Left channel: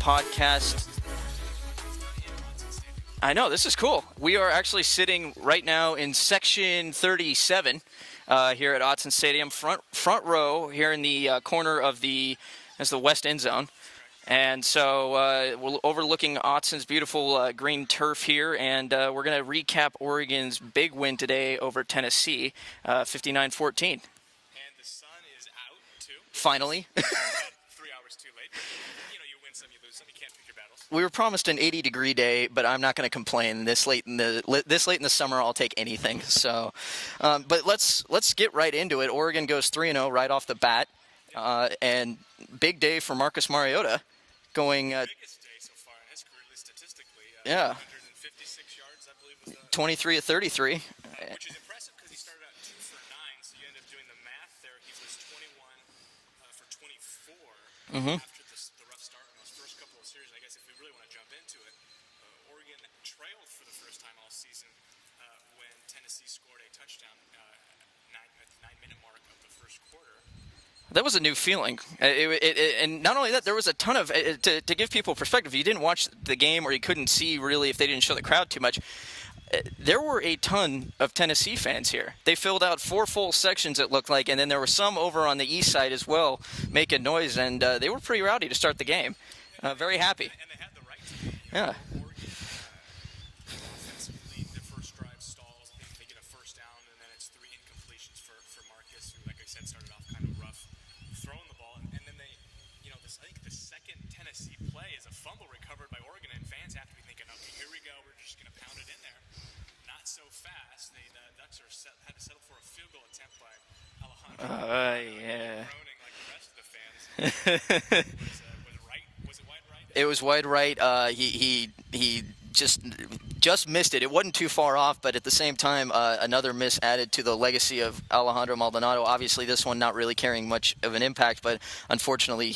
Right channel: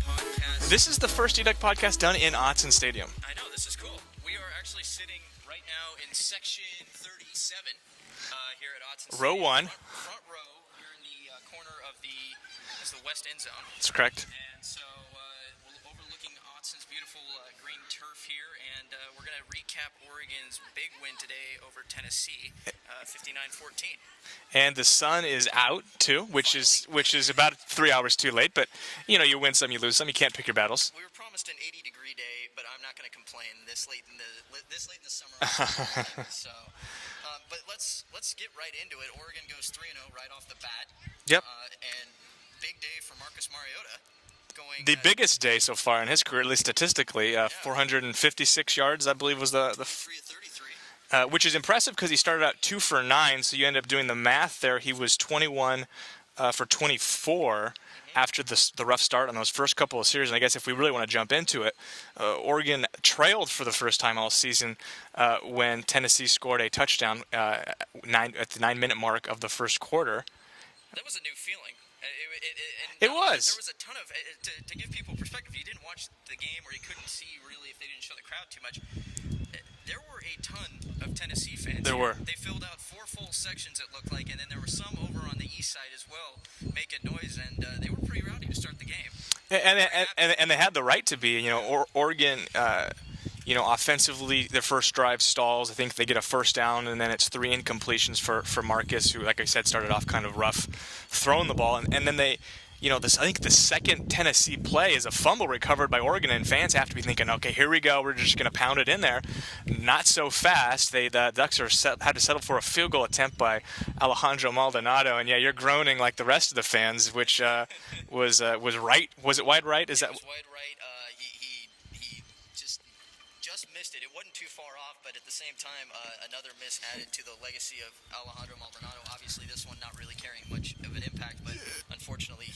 podcast. This is the first eDuck podcast done in Autzen Stadium. I know, this is cool. We are actually sitting right now in section 37 here at Autzen Stadium. Row one. Front row here in the corner of the west end zone. That's correct. And so we're overlooking Autzen's beautiful green turf here, and we're going to recap Oregon's big win today over Tennessee, 59-14. And the sun is out, too, which is about 3 hours too late. But, you know, you win some, you lose some. You can't pick your battles. We were promised an 80-degree day, but I'm not going to complain. This late in the summer, I'll take anything. So, but let's get right into it. Oregon goes 3-0 right off the bat. Yep. And big day for Marcus Mariota. Going the biggest day so far in his career, at least statistically. 456 yards, I believe, was the 23 of 33. Which is impressive because he started out 2 for 9, so you end up doing the math there. He was 21 for 24 after the rough start on those first couple of series. And I guess if we really want to jump into it, Oregon trailed for the first time all season when Tennessee scored a touchdown at the 9-minute mark of the first quarter. That was a new feeling. And not only that, there was a ton of, to give people perspective, you didn't watch the game or you couldn't see really if they didn't show the crowd too much. There were a ton of Tennessee fans here. They filled out 4 full sections, it looked like, and then there were some over on the east side as well making noise, and they were pretty rowdy to start the game. Very happy. And they had the right to be. You know, Oregon, offensively, their first drive stalls. I think they get a first down, and then it's 3 incompletions for Marcus, who, like I said, started off kind of rough throwing the ball. And then they, I think the second Tennessee play is a fumble recovered by Oregon, and fans have to be thinking, okay, here we go. We're just going to pound it in there. Not so fast. The Ducks had to settle for a field goal attempt by Alejandro Maldonado. And, you're groaning like the rest of the fans, which was right. Was it wide right? It was wide right. He just missed it. It wasn't too far off, but at the same time, another miss added to the legacy of Alejandro Maldonado. Obviously, this one not really carrying much of an impact, but unfortunately,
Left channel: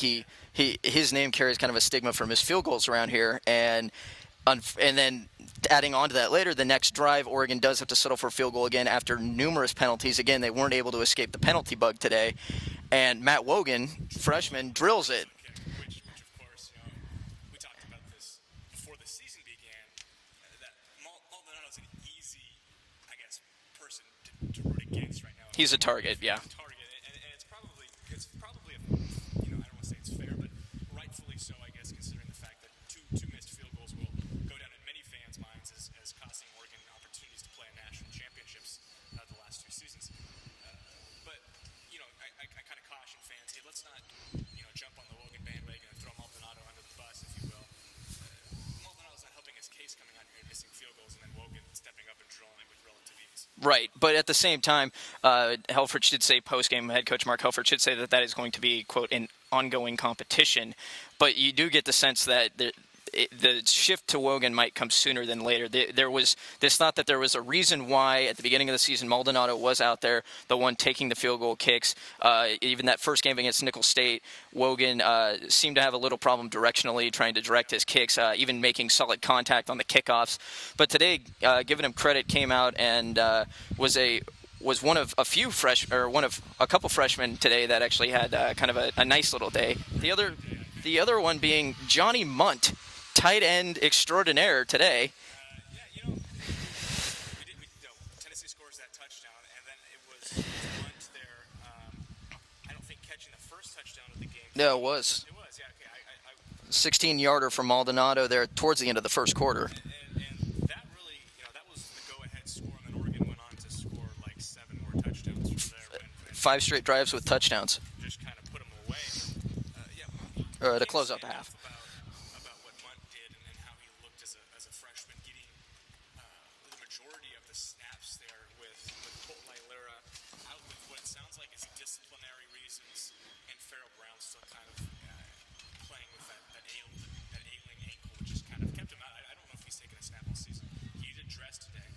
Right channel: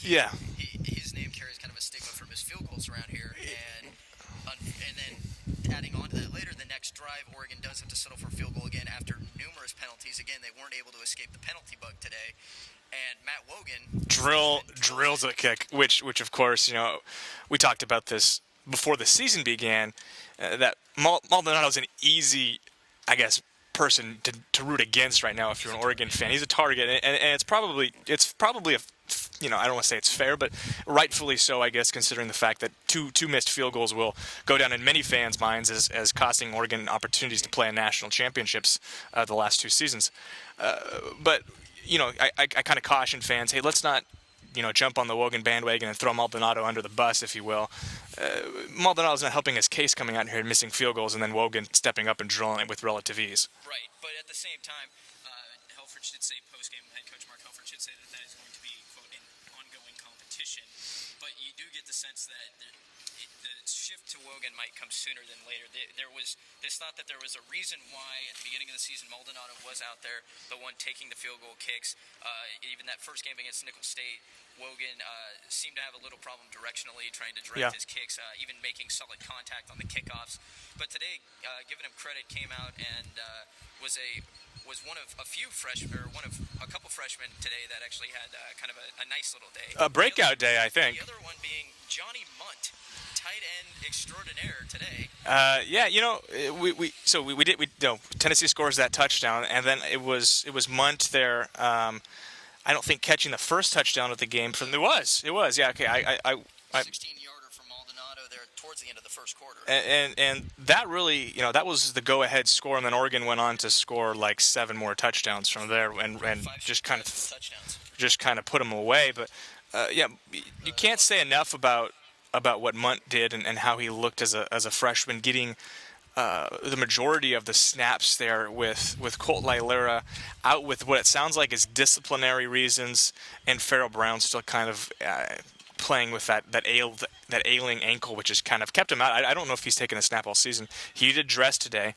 his name carries kind of a stigma for missed field goals around here. And then adding on to that later, the next drive, Oregon does have to settle for a field goal again after numerous penalties. Again, they weren't able to escape the penalty bug today. And Matt Wogan, freshman, drills a kick, which of course, we talked about this before the season began. That Maldonado's an easy, I guess, person to root against right now if you're an Oregon fan. He's a target, and it's probably a, I don't want to say it's fair, but rightfully so, I guess, considering the fact that two missed field goals will go down in many fans' minds as costing Oregon opportunities to play in national championships the last 2 seasons. But I kind of caution fans, hey, let's not jump on the Wogan bandwagon and throw Maldonado under the bus, if you will. Maldonado's not helping his case coming out here and missing field goals, and then Wogan stepping up and drilling it with relative ease. Right, but at the same time, Helfrich did say post-game, head coach Mark Helfrich should say that is going to be, quote, an ongoing competition. But you do get the sense that the shift to Wogan might come sooner than later. There was this thought that there was a reason why at the beginning of the season Maldonado was out there, the one taking the field goal kicks. Even that first game against Nicholls State, Wogan seemed to have a little problem directionally trying to direct his kicks, even making solid contact on the kickoffs. But today, giving him credit, came out and was one of a couple freshmen today that actually had kind of a nice little day. A breakout day, I think. The other one being Johnny Mundt, tight end extraordinaire today. Tennessee scores that touchdown, and then it was Mundt there. I don't think catching the first touchdown of the game. It was. Yeah. Okay. I 16-yarder from Maldonado there towards the end of the first quarter. And that really, that was the go-ahead score, and then Oregon went on to score like 7 more touchdowns from there. And 5 straight drives with touchdowns. Just kind of put them away. But, you can't say enough about what Mundt did and how he looked as a freshman, getting the majority of the snaps there with Colt Lailera out with what it sounds like is disciplinary reasons, and Farrell Brown still kind of playing with that ailing ankle, which has kind of kept him out. I don't know if he's taken a snap all season. He did dress today.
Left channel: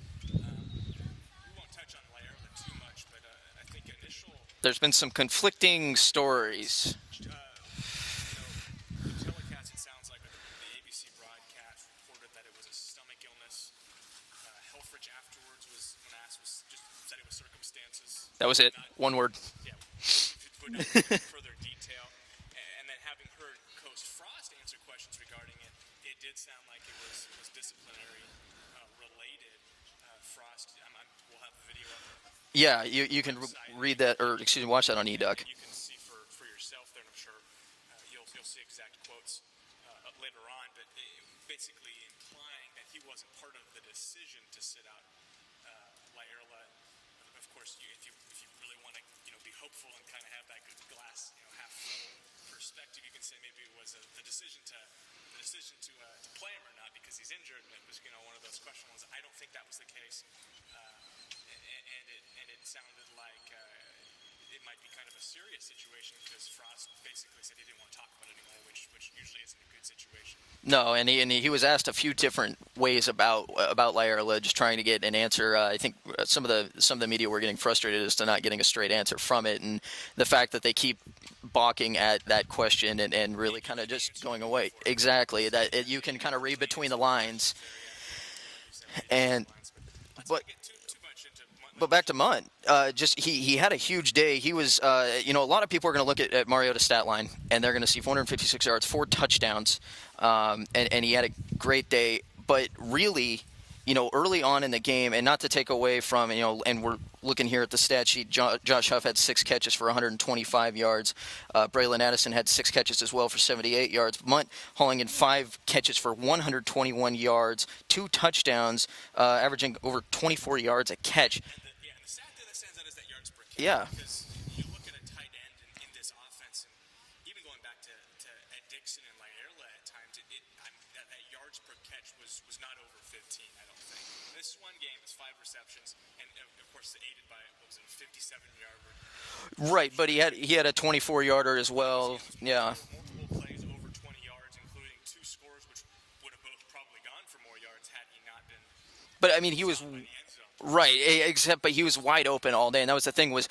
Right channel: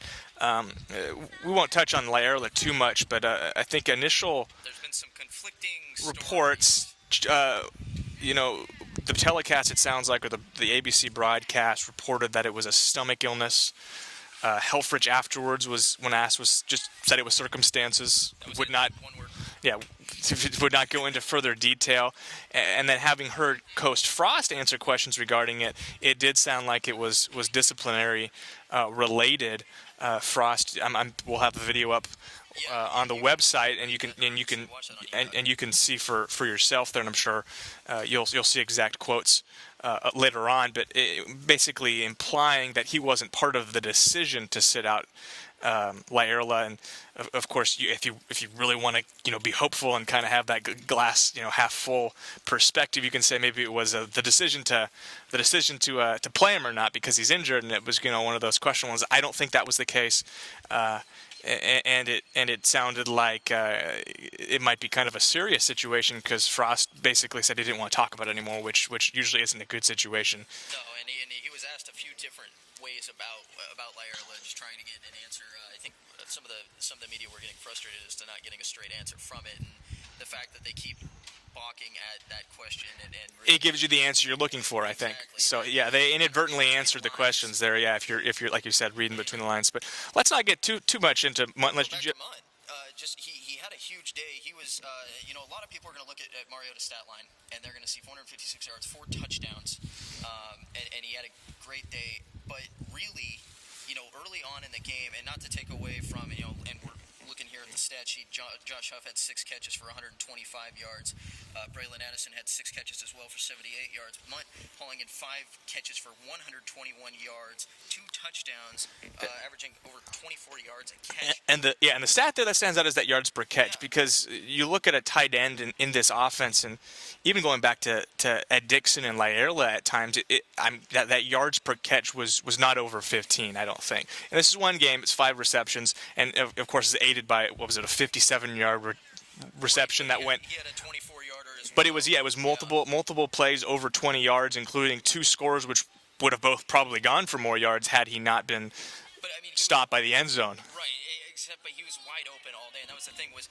We won't touch on Lailera too much, but I think there's been some conflicting reports. The telecast, it sounds like, or the ABC broadcast reported that it was a stomach illness. Helfrich afterwards when asked was just said it was circumstances. That was it. Not one word. Yeah, would not go into further detail. And then having heard Coach Frost answer questions regarding it, it did sound like it was disciplinary related. Frost, we'll have the video up. On the website, and you can watch that on eDuck, and you can see for yourself there. And I'm sure you'll see exact quotes later on, but basically implying that he wasn't part of the decision to sit out Laerla. And of course, if you really want to be hopeful and kind of have that glass half full perspective, you can say maybe it was the decision to play him or not because he's injured, and it was one of those questionable ones. I don't think that was the case. And it sounded like it might be kind of a serious situation because Frost basically said he didn't want to talk about it anymore, which usually isn't a good situation. No, and he was asked a few different ways about Laerla, just trying to get an answer. I think some of the media were getting frustrated as to not getting a straight answer from it, and the fact that they keep balking at that question and really it gives you the answer you're looking for. Exactly. So they inadvertently answered the questions there. Yeah, if you're like you said, reading between the lines. But let's not get too much into Mundt. Well, back to Mundt. Just he had a huge day. He was a lot of people are going to look at Mariota's stat line and they're going to see 456 yards, 4 touchdowns, and he had a great day. But really, early on in the game, and not to take away from, and we're looking here at the stat sheet, Josh Huff had 6 catches for 125 yards. Braylon Addison had 6 catches as well for 78 yards. Mundt hauling in 5 catches for 121 yards, 2 touchdowns, averaging over 24 yards a catch. And the stat there that stands out is that yards per catch, because you look at a tight end in this offense, and even going back to Ed Dixon and Laerla at times, that yards per catch was not over 15, I don't think. And this is one game, it's 5 receptions, and of course it's aided by, what was it, a 57-yard reception. Right, but he had a 24-yarder as well. But it was multiple plays over 20 yards, including 2 scores, which would have both probably gone for more yards had he not been he stopped by the end zone. Right, but he was wide open all day, and that was the thing was,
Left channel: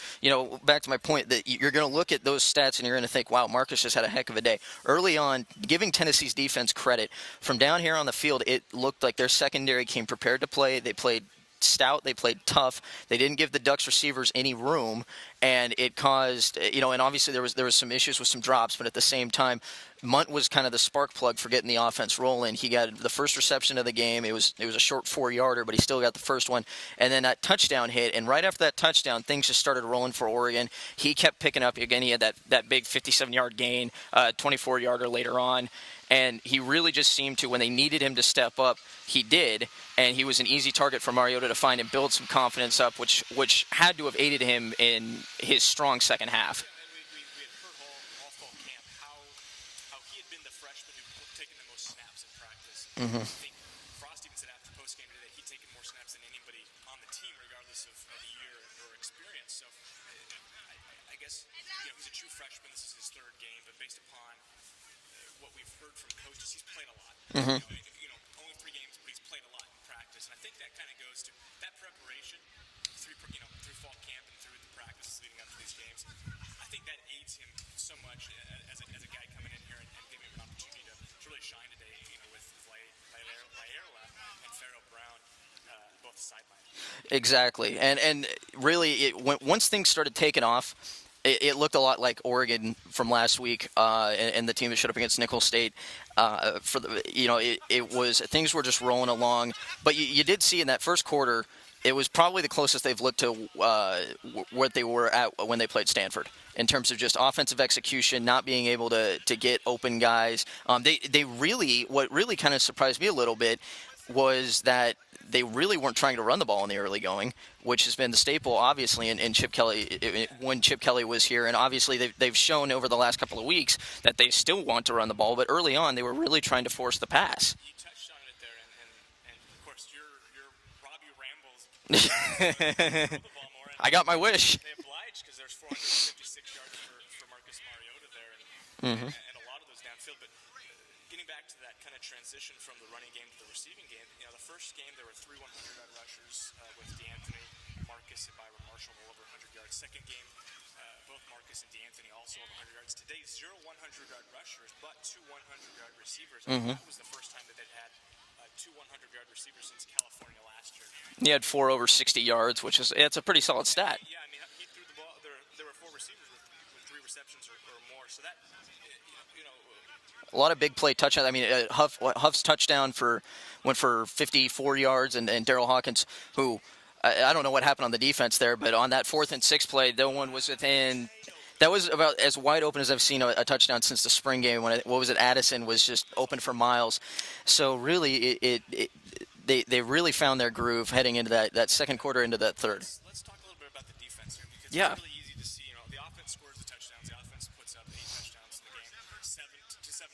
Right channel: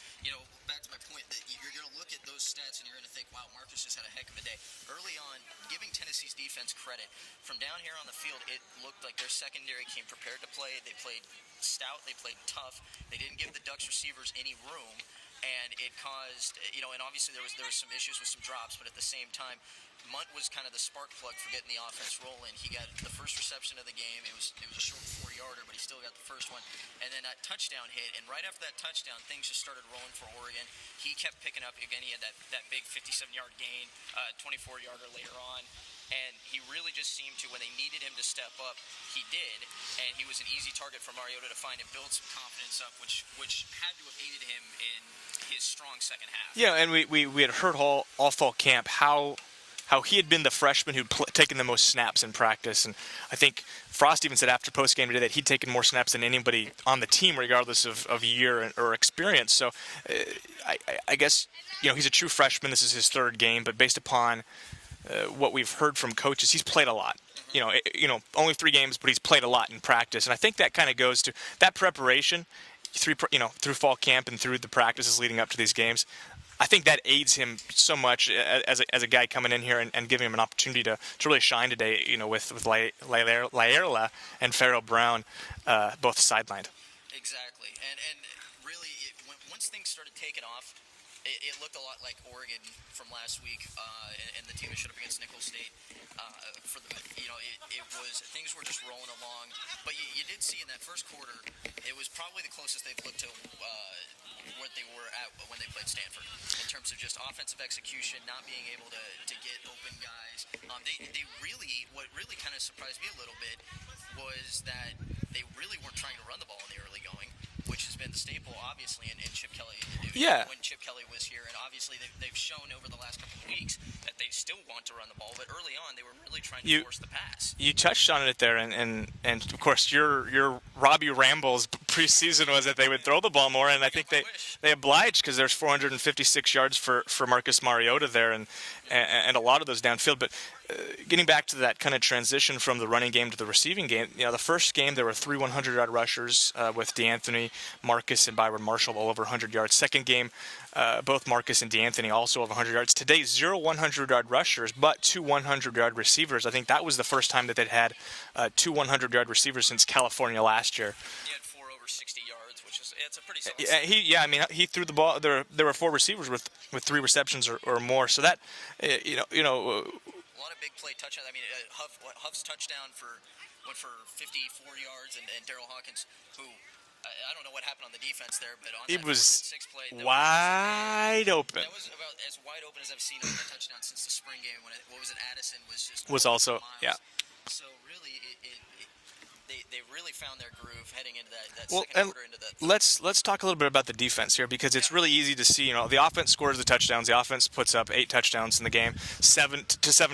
back to my point that you're going to look at those stats and you're going to think, wow, Marcus just had a heck of a day. Early on, giving Tennessee's defense credit, from down here on the field, it looked like their secondary came prepared to play. They played stout, they played tough. They didn't give the Ducks receivers any room, and it caused, and obviously there was some issues with some drops, but at the same time, Mundt was kind of the spark plug for getting the offense rolling. He got the first reception of the game. It was a short 4-yarder, but he still got the first one. And then that touchdown hit, and right after that touchdown, things just started rolling for Oregon. He kept picking up. Again, he had that big 57-yard gain, 24-yarder later on. And he really just seemed to, when they needed him to step up, he did. And he was an easy target for Mariota to find and build some confidence up, which had to have aided him in his strong second half. Yeah, and we had heard all fall camp how he had been the freshman who'd taken the most snaps in practice. And I think Frost even said after postgame today that he'd taken more snaps than anybody on the team, regardless of year or experience. So I guess, he's a true freshman. This is his 3rd game. But based upon what we've heard from coaches, he's played a lot. Only 3 games, but he's played a lot in practice. And I think that kind of goes to that preparation through fall camp and through the practices leading up to these games. I think that aids him so much as a guy coming in here and giving him an opportunity to really shine today, with Laerla and Farrell Brown both sidelined. Exactly. And really, once things started taking off, it looked a lot like Oregon from last week and the team that showed up against Nicholls State. It was, things were just rolling along. But you did see in that first quarter, it was probably the closest they've looked to what they were at when they played Stanford in terms of just offensive execution, not being able to get open guys. What really kind of surprised me a little bit was that they really weren't trying to run the ball in the early going, which has been the staple, obviously, in Chip Kelly when Chip Kelly was here. And obviously, they've shown over the last couple of weeks that they still want to run the ball. But early on, they were really trying to force the pass. You touched on it there, and of course, your Robby Rambles preseason was that they would throw the ball more. And I got my wish. They obliged because there's 456 yards for Marcus Mariota there, and a lot of those downfield. But getting back to that kind of transition from the running game to the receiving game, the first game there were 3 100-yard rushers with DeAnthony, Marcus and Byron Marshall all over 100 yards. Second game, both Marcus and DeAnthony also over 100 yards. Today, 0 100-yard rushers, but 2 100-yard receivers. I think that was the first time that they'd had 2 100-yard receivers since California last year. He had 4 over 60 yards, which is it's a pretty solid stat. He threw the ball. There were 4 receivers with 3 receptions or more. So that, a lot of big play touchdowns. I mean, Huff's touchdown went for 54 yards, and Daryl Hawkins, who I don't know what happened on the defense there, but on that 4th and 6 play, that one was within. Open. That was about as wide open as I've seen a touchdown since the spring game. Addison was just open also, for miles. Yeah. So really, they really found their groove heading into that second quarter into that third. Let's talk a little bit about the defense here, because it's really easy to see. The offense scores the touchdowns. The offense puts up 8 touchdowns in the game, 7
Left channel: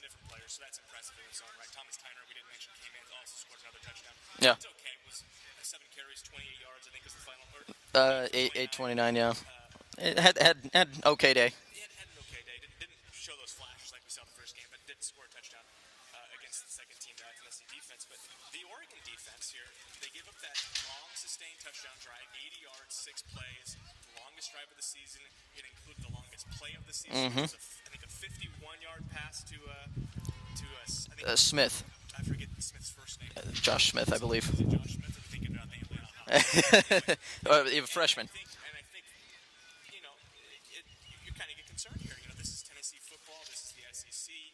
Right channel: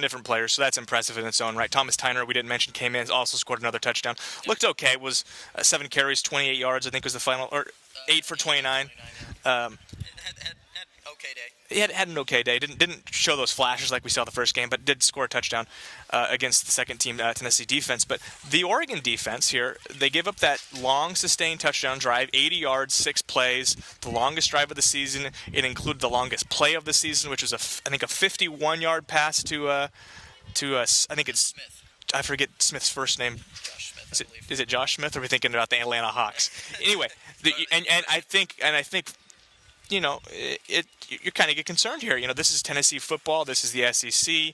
different players. So that's impressive in its own right. Thomas Tyner, we didn't mention, came in, also scored another touchdown. Yeah. Looked okay. Was 7 carries, 28 yards. I think was the final, or 8 for 29. 29, yeah. It had an okay day. He had an okay day. Didn't show those flashes like we saw the first game, but did score a touchdown against the second team Tennessee defense. But the Oregon defense here, they give up that long sustained touchdown drive, 80 yards, 6 plays, the longest drive of the season. It included the longest play of the season, which is I think a 51-yard pass to Smith. I forget Smith's first name. Josh Smith, I believe. Is it Josh Smith, or are we thinking about the Atlanta Hawks? Anyway, I think you kind of get concerned here. This is Tennessee football. This is the SEC.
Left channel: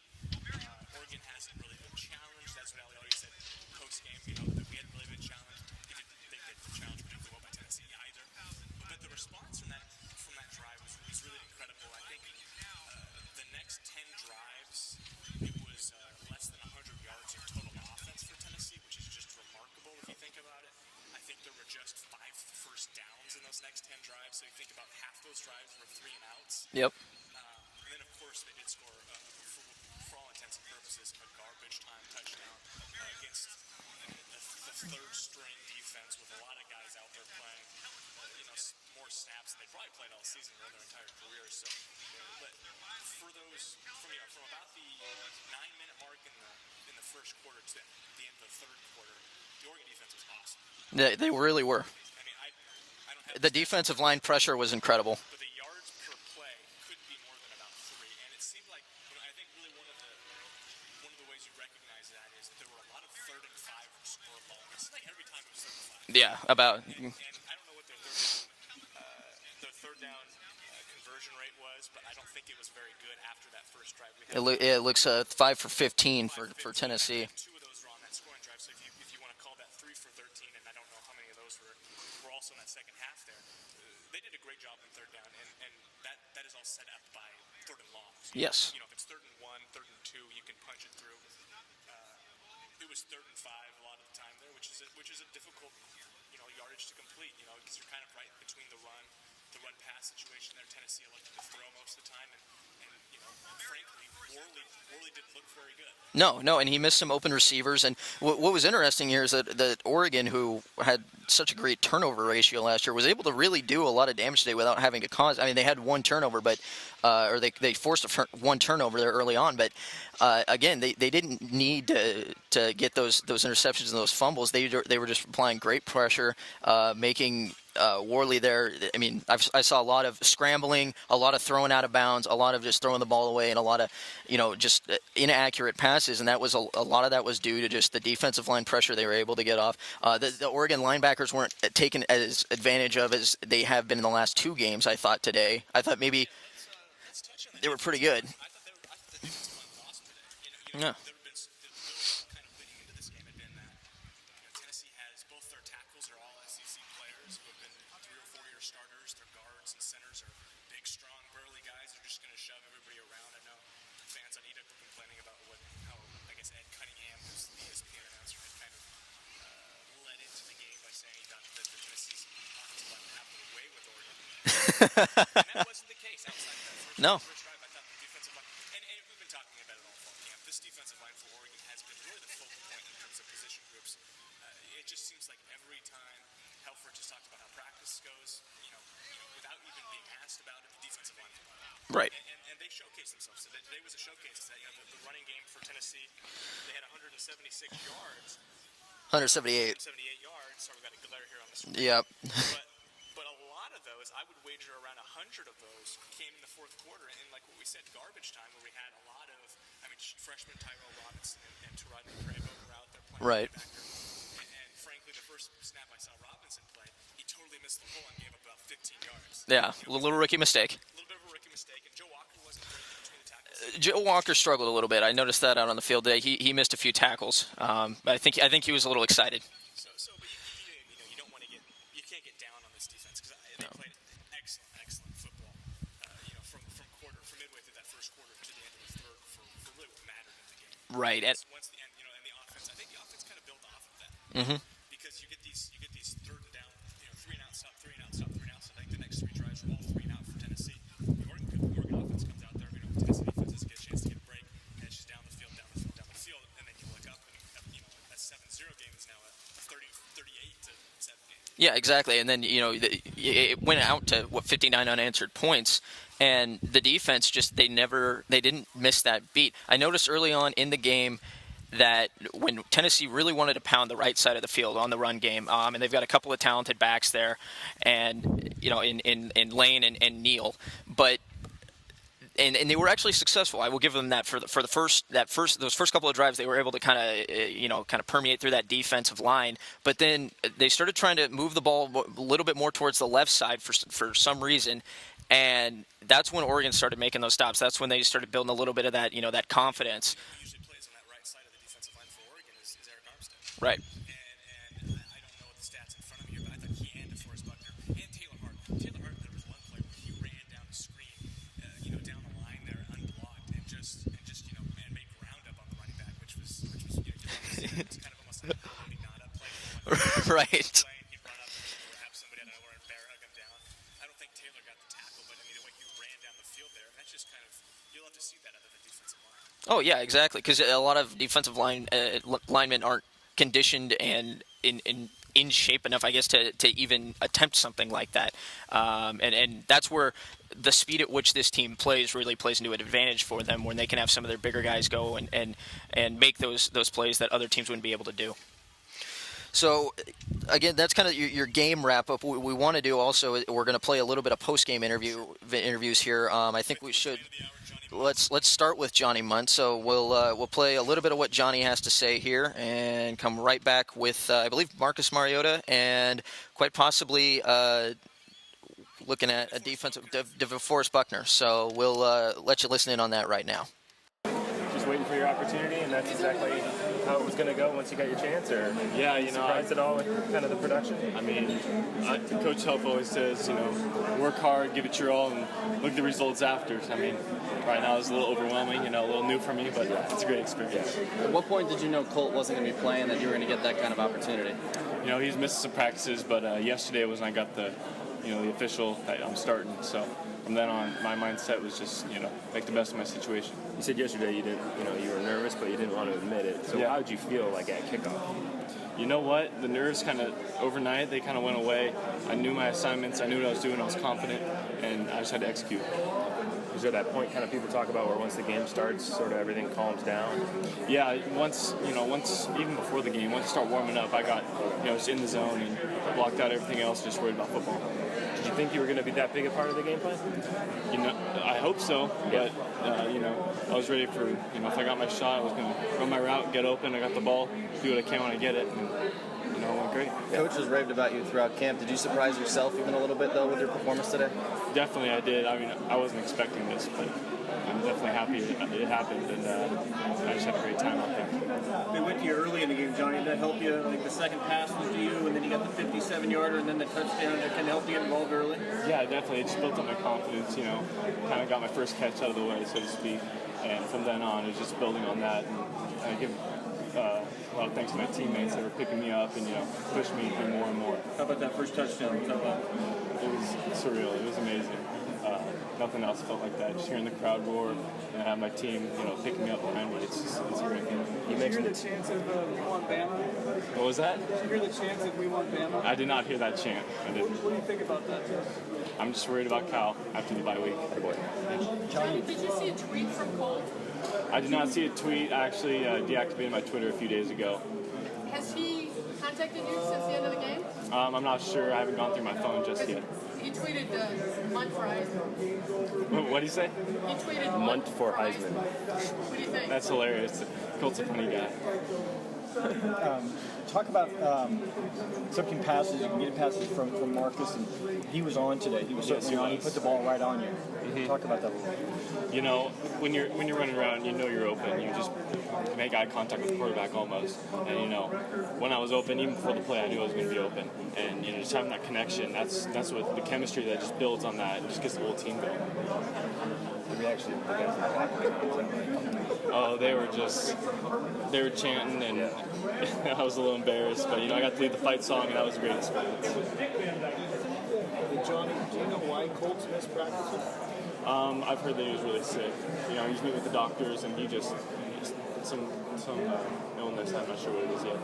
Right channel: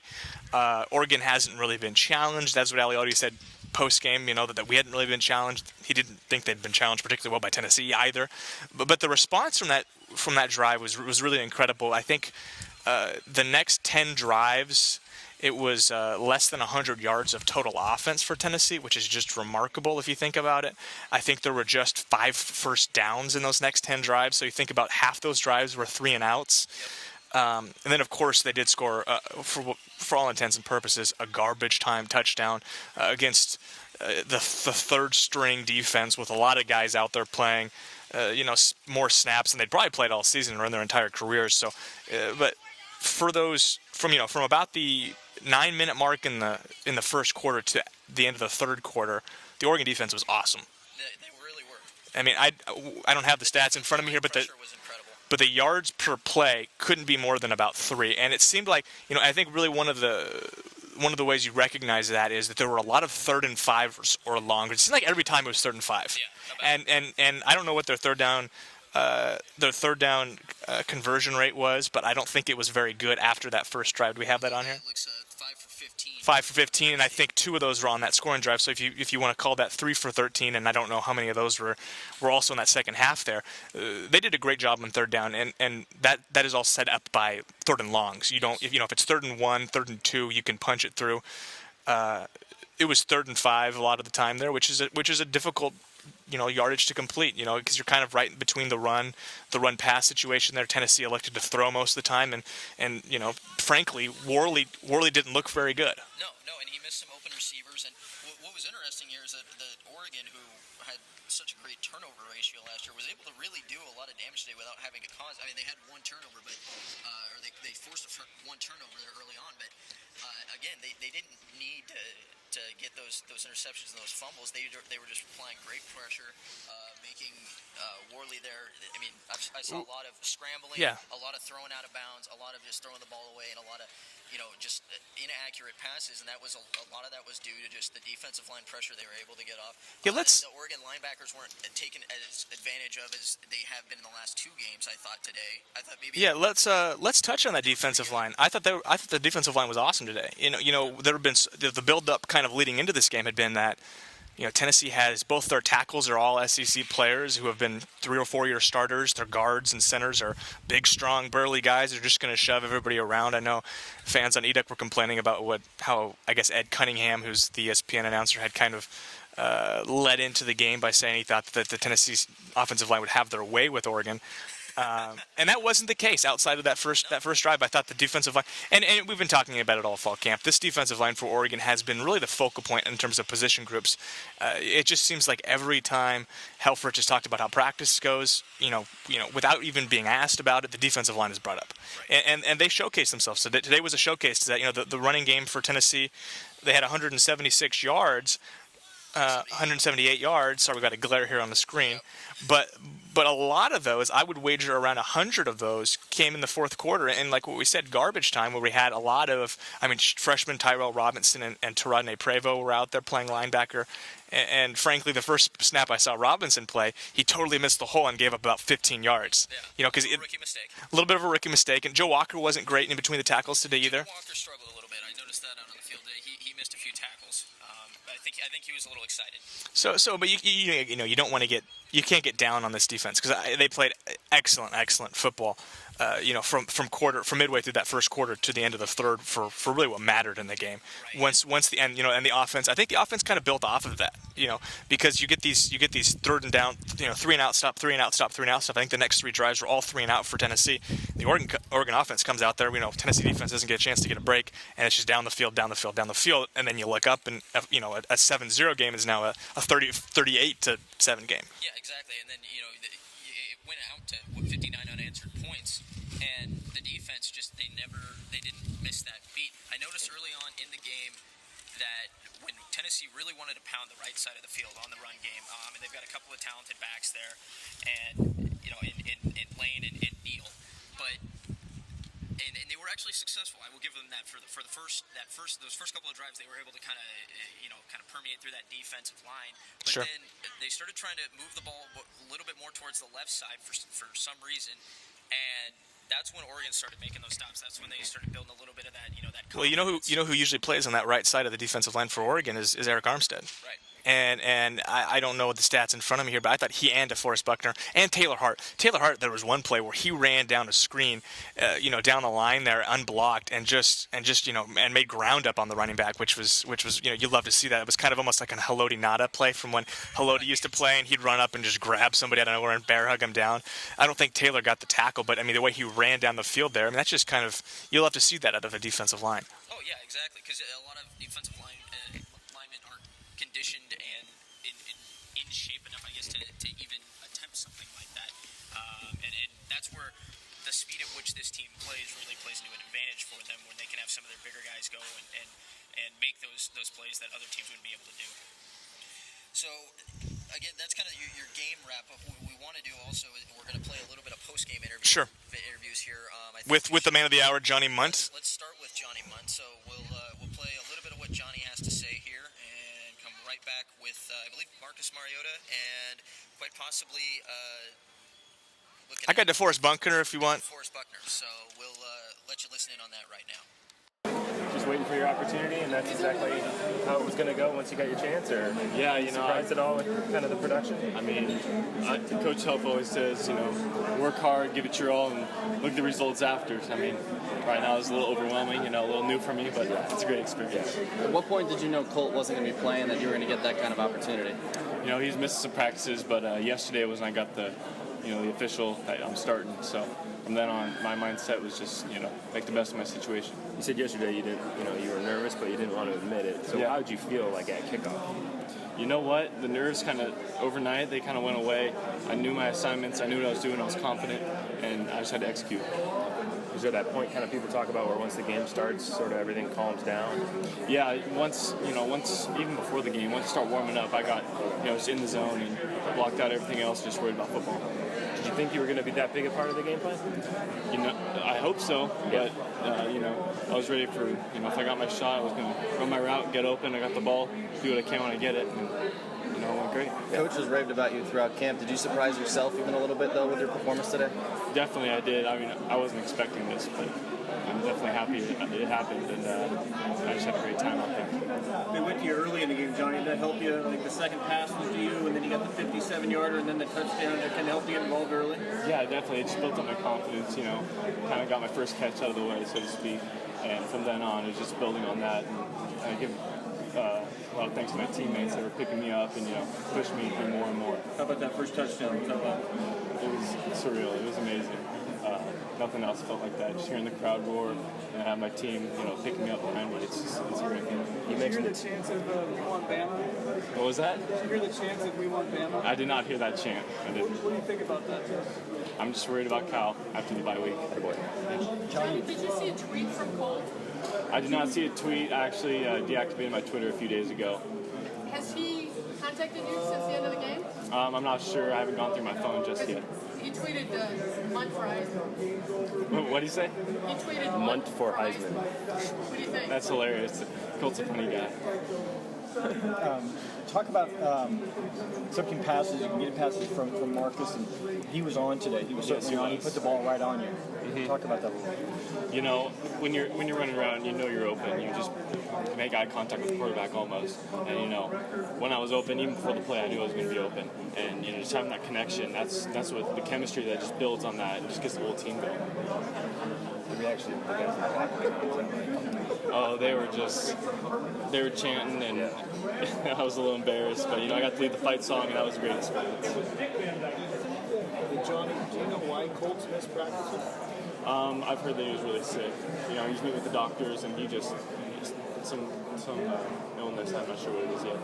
Oregon hasn't really been challenged. That's what Aliotti said post-game, that we hadn't really been challenged. He didn't think they'd been challenged particularly well by Tennessee either. But the response from that drive was really incredible. I think the next 10 drives, it was less than 100 yards of total offense for Tennessee, which is just remarkable if you think about it. I think there were just 5 first downs in those next 10 drives. So you think about half those drives were 3 and outs. Yep. And then, of course, they did score, for all intents and purposes, a garbage time touchdown against the third-string defense with a lot of guys out there playing, more snaps than they'd probably played all season or in their entire careers. So, but for those from about the 9-minute mark in the first quarter to the end of the third quarter, the Oregon defense was awesome. They really were. I mean, I don't have the stats in front of me here, but pressure was incredible. But the yards per play couldn't be more than about 3, and it seemed like I think really one of the ways you recognize that is that there were a lot of 3rd and 5 or longer. It seemed like every time it was 3rd and 5. Yeah, and I don't know what their third down conversion rate was, but I don't think it was very good after that first drive. Do we have that on? Yeah, it looks 5 for 15. 5 for 15, and I think 2 of those were on that scoring drive. So if you want to call that 3 for 13, and I don't know how many of those were also in that second half there, they did a great job on third down, and that is all set up by 3rd and longs. If it's 3rd and 1, 3rd and 2, you can punch it through. It was 3rd and 5 a lot of the time there, which is a difficult yardage to complete, because you're kind of right between the run pass situation there. Tennessee elected to throw most of the time, and frankly, Worley didn't look very good. No, and he missed some open receivers. And what was interesting here is that Oregon, who had such a great turnover ratio last year, was able to really do a lot of damage today without having to cause. I mean, they had 1 turnover, but they forced 1 turnover there early on, but. Again, they didn't need to get those interceptions and those fumbles. They were just applying great pressure, making Worley there. I mean, I saw a lot of scrambling, a lot of throwing out of bounds, a lot of just throwing the ball away, and a lot of just inaccurate passes. And that was a lot of that was due to just the defensive line pressure they were able to get off. The Oregon linebackers weren't taken as advantage of as they have been in the last 2 games. I thought today. I thought maybe. Yeah, let's touch on that defensive line. I thought the defensive line was awesome today. There have been the build-up kind of leading into this game had been that Tennessee has both their tackles are all SEC players who have been 3 or 4 year starters. Their guards and centers are big, strong, burly guys. They're just going to shove everybody around. I know fans on eDuck were complaining about how I guess Ed Cunningham, who's the ESPN announcer, had kind of led into the game by saying he thought that the Tennessee offensive line would have their way with Oregon, and that wasn't the case. Outside of that first drive, I thought the defensive line, and we've been talking about it all fall camp. This defensive line for Oregon has been really the focal point in terms of position groups. It just seems like every time Helfrich has talked about how practice goes, without even being asked about it, the defensive line is brought up. Right. And they showcased themselves. So today was a showcase to that. The running game for Tennessee, they had 176 yards. 178 yards. Sorry, we got a glare here on the screen. Yep. But a lot of those, I would wager around 100 of those came in the fourth quarter. And like what we said, garbage time, where we had a lot of, freshmen Tyrell Robinson and Taradne Prevo were out there playing linebacker. And frankly, the first snap I saw Robinson play, he totally missed the hole and gave up about 15 yards. Yeah, a little rookie mistake. A little bit of a rookie mistake. And Joe Walker wasn't great in between the tackles today either. Joe Walker struggled a little bit. I noticed that out on the field today. He missed a few tackles. I think he was a little excited. But you don't want to get. You can't get down on this defense because they played excellent football. From midway through that first quarter to the end of the third for really what mattered in the game. Right. Once the end, and the offense. I think the offense kind of built off of that. Because you get these third and down, 3 and out stop, 3 and out stop, 3 and out stop. I think the next 3 drives were all 3 and out for Tennessee. The Oregon offense comes out there. Tennessee defense doesn't get a chance to get a break, and it's just down the field, and then you look up and a 7-0 game is now a 38-7 game. Yeah, exactly. And then it went out to 59 unanswered points. And the defense they didn't miss that beat. I noticed early on in the game that when Tennessee really wanted to pound the right side of the field on the run game, and they've got a couple of talented backs there, and in Lane and Neal, but and they were actually successful. I will give them that for those first couple of drives, they were able to kind of permeate through that defensive line. But then they started trying to move the ball a little bit more towards the left side for some reason. And that's when Oregon started making those stops. That's when they started building a little bit of that, that confidence. Well, who usually plays on that right side of the defensive line for Oregon is Eric Armstead. Right. And I don't know the stats in front of me here, but I thought he and DeForest Buckner and Taylor Hart. There was one play where he ran down a screen, down the line there unblocked and made ground up on the running back, which was you'd love to see that. It was kind of almost like a Haloti Ngata play from when Haloti used to play, and he'd run up and just grab somebody out of nowhere and bear hug him down. I don't think Taylor got the tackle, but the way he ran down the field there, that's just kind of, you'll have to see that out of a defensive line. Oh yeah, exactly, because a lot of defensive linemen aren't conditioned and in shape enough, I guess, to even attempt something like that. And that's where the speed at which this team really plays into an advantage for them, when they can have some of their bigger guys go and make those plays that other teams wouldn't be able to do. So, again, that's kind of your game wrap-up. What we want to do also, we're going to play a little bit of post-game interviews here. I think with the man of the hour, Johnny Mundt. Let's start with Johnny Mundt. So we'll play a little bit of what Johnny has to say here and come right back with, I believe, Marcus Mariota and quite possibly looking at DeForest Buckner if you want. DeForest Buckner. So we'll let you listen in on that right now. Just waiting for your opportunity, and that's exactly how it was going to go once you got your chance? Or surprised at all with kind of the production? Coach Huff always says, work hard, give it your all, and look at the results after. Right now it's a little overwhelming, a little new for me, but it's a great experience. At what point did you know Colt wasn't going to be playing, that you were going to get that kind of opportunity? He's missing some practices, but yesterday was when I got the official that I'm starting. So from then on, my mindset was just, make the best of my situation. You said yesterday you didn't, you were nervous, but you didn't want to admit it. So how did you feel like at kickoff? You know what? The nerves kind of overnight, they kind of went away. I knew my assignments. I knew what I was doing. I was confident, and I just had to execute. Is there that point kind of people talk about where once the game starts, sort of everything calms down? Yeah, once even before the game, once you start warming up, I got, just in the zone and blocked out everything else, just worried about football. Did you think you were going to be that big a part of the game plan? I hope so, but, I was ready for, if I got my shot, I was going to run my route, get open, I got the ball, do what I can when I get it, and, it went great. Coaches raved about you throughout camp. Did you surprise yourself even a little bit, though, with your performance today? Definitely I did. I wasn't expecting this, but I'm definitely happy it happened, and I just had a great time out there. They went to you early in the game, Johnny. Did that help you? Like the second pass was to you, and then you got the 57-yarder, and then the touchdown. That can help you get involved early? Yeah, definitely. It just built up my confidence, kind of got my first catch out of the way, so to speak. And from then on, it was just building on that. And I give a lot of thanks to my teammates that were picking me up and, pushed me through more and more. How about that first touchdown? It was surreal. It was amazing. Nothing else felt like that. Just hearing the crowd roar and have my team, picking me up behind me. It's a great feeling. Did you hear the chants of "We want Bama"? What was that? Did you hear the chants of "We want Bama"? I did not hear that chant. I didn't. What do you think about that? I'm just worried about Kyle after the bye week. Johnny, did you see a tweet from Colt? I did not see a tweet. I actually deactivated my Twitter a few days ago. Has he contacted you since the end of the game? I'm not sure. I haven't gone through my phone just yet. He tweeted Mundt for Heisman. What did he say? He tweeted Mundt for Heisman. What do you think? That's hilarious. Colt's a funny guy. Talk about accepting passes, getting passes from Marcus, and he was on today. He was certainly on. He put the ball right on you. Mm-hmm. Talk about that a little bit. You know, when you're running around, you know you're open. You just make eye contact with the quarterback almost. And you know, when I was open, even before the play, I knew I was going to be open. And you know, just having that connection, that's what the chemistry that just builds on that and just gets the whole team going. The reaction of the guys in the locker room. Oh, they were chanting, and I was a little embarrassed. But you know, I got to lead the fight song, and that was a great experience. Johnny, do you know why Colts missed practices? I've heard that he was really sick. You know, he's meeting with the doctors, and he just some illness. I'm not sure what it is yet.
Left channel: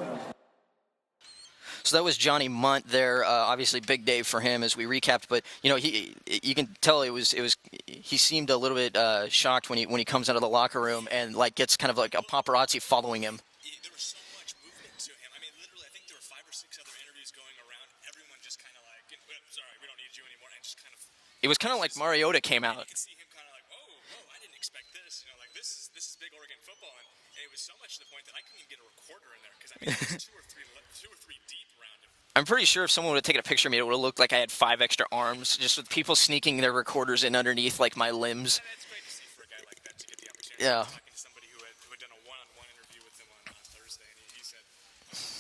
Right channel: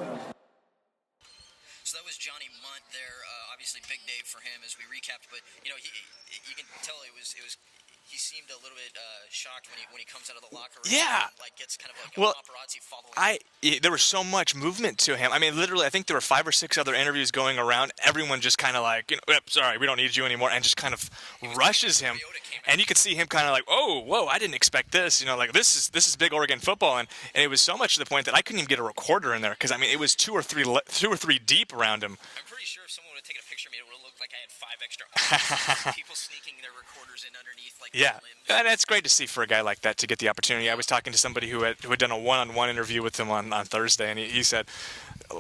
So that was Johnny Mundt there. Obviously, big day for him as we recapped. But you know, you can tell he seemed a little bit shocked when he comes out of the locker room and like gets kind of like a paparazzi following him. There was so much movement to him. I mean, literally, I think there were 5 or 6 other interviews going around. Everyone just kind of like, you know, sorry, we don't need you anymore, and just kind of it was rushes kind of like Mariota came out, and you could see him kind of like, oh, whoa, I didn't expect this. You know, like this is big Oregon football, and it was so much to the point that I couldn't even get a recorder in there because I mean, it was 2 or 3 deep around him. I'm pretty sure if someone would have taken a picture of me, it would have looked like I had 5 extra arms, just with people sneaking their recorders in underneath like my limbs. And that's great to see for a guy like that to get the opportunity. Yeah. I was talking to somebody who had done a one-on-one interview with him on Thursday, and he said,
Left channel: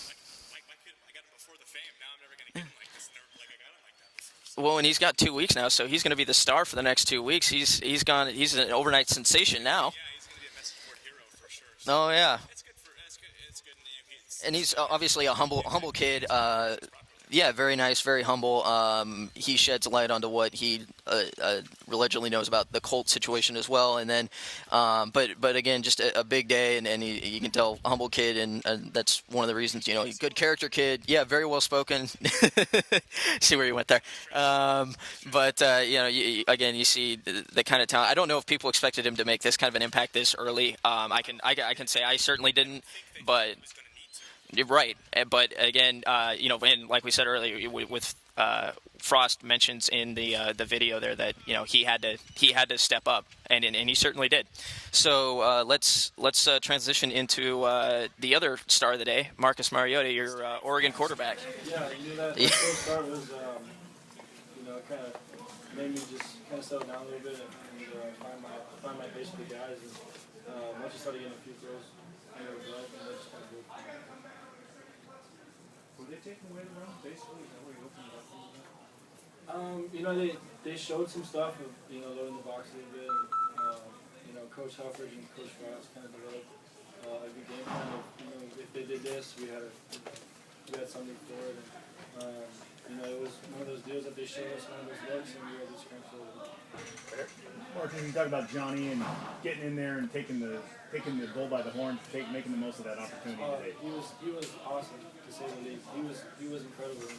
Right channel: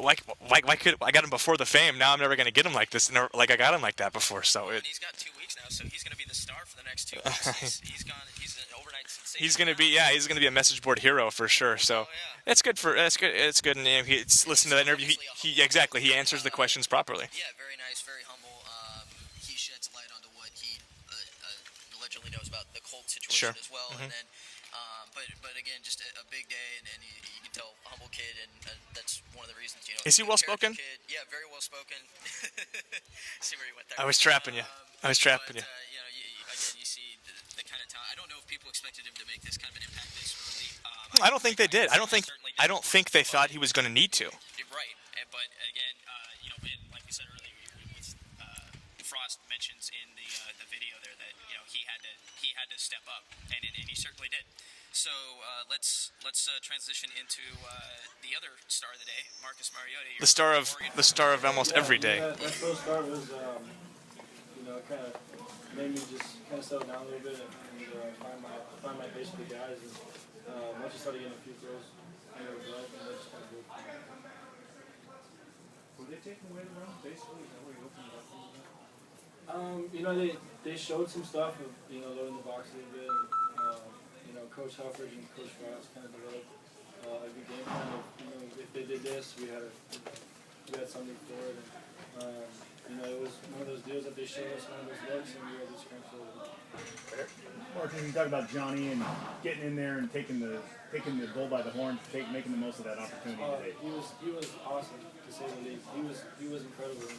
like I got him before the fame. Now I'm never going to get him like this. Like I got him like that before. So well, and he's got 2 weeks now, so he's going to be the star for the next 2 weeks. He's an overnight sensation. He's going to be a message board hero for sure. So it's good. It's good. And he's obviously a humble humble kid. He answers the questions properly. Yeah, very nice, very humble. He sheds light onto what he allegedly knows about the Colts situation as well. And then, but again, just a big day, and you can tell a humble kid, and that's one of the reasons, you know, he's a good character kid. Yeah, very well spoken. See where you went there. I was trapping you. But you know, you see the kind of talent. I don't know if people expected him to make this kind of an impact this early. I don't think they did. I certainly didn't. I don't think they thought he was going to need to. You're right, but again, you know, and like we said earlier, with Frost mentions in the video there that, you know, he had to step up, and he certainly did. So let's transition into the other star of the day, Marcus Mariota, your Oregon quarterback. The star of almost every day. That first start was, you know, kind of made me just kind of settle down a little bit and find my pace with the guys. And once you started getting a few throws under the belt, and just kind of go. Were they taking away the run, basically? Is that what you're looking at? You know, they showed some stuff of, you know, loading the box a little bit. And, you know, Coach Helfrich and Coach Frost kind of developed a good game plan of, you know, if they did this, we had something for it. And, you know, it was one of those deals that they showed us one of those looks, and we were able to scramble forward. Marcus, you talk about Johnny and getting in there and taking the bull by the horn, making the most of that opportunity today. He was awesome, to say the least. He was incredible.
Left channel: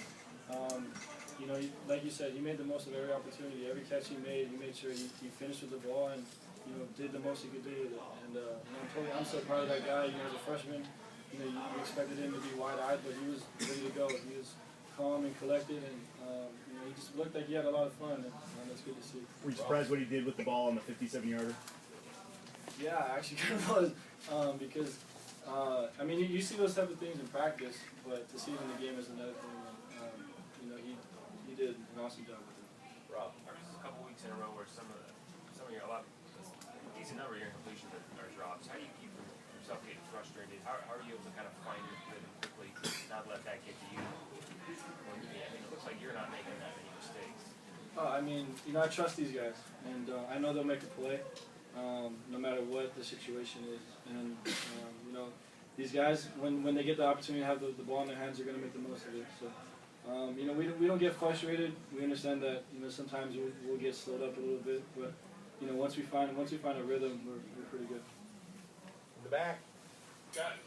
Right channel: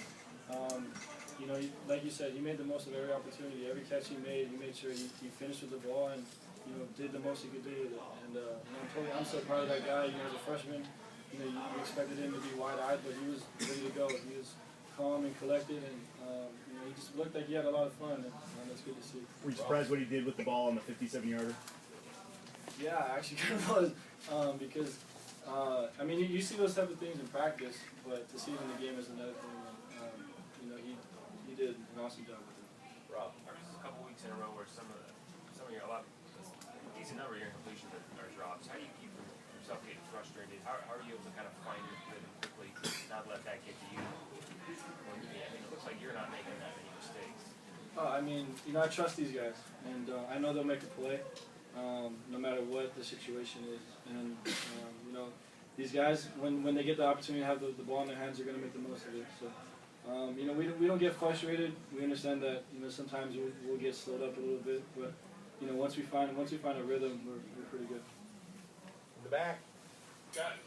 You know, like you said, he made the most of every opportunity. Every catch he made sure he finished with the ball and, you know, did the most he could do with it. And you know, I'm so proud of that guy. You know, as a freshman, you know, you expected him to be wide-eyed, but he was ready to go. He was calm and collected, and you know, he just looked like he had a lot of fun, and that's good to see. Were you surprised what he did with the ball on the 57-yarder? Yeah, I actually kind of was, because I mean, you see those type of things in practice, but to see it in the game is another thing. You know, he did an awesome job with it. Rob, there's a couple weeks in a row where some of your a decent number of your incompletions are drops. How do you keep yourself getting frustrated? How are you able to kind of find your rhythm quickly, not let that get to you? I mean, it looks like you're not making that many mistakes. I mean, you know, I trust these guys, and I know they'll make a play, no matter what the situation is. And you know, these guys, when they get the opportunity to have the ball in their hands, they're going to make the most of it. So. You know, we don't get frustrated. We understand that, you know, sometimes we'll get slowed up a little bit, but you know, once we find a rhythm, we're pretty good. In the back.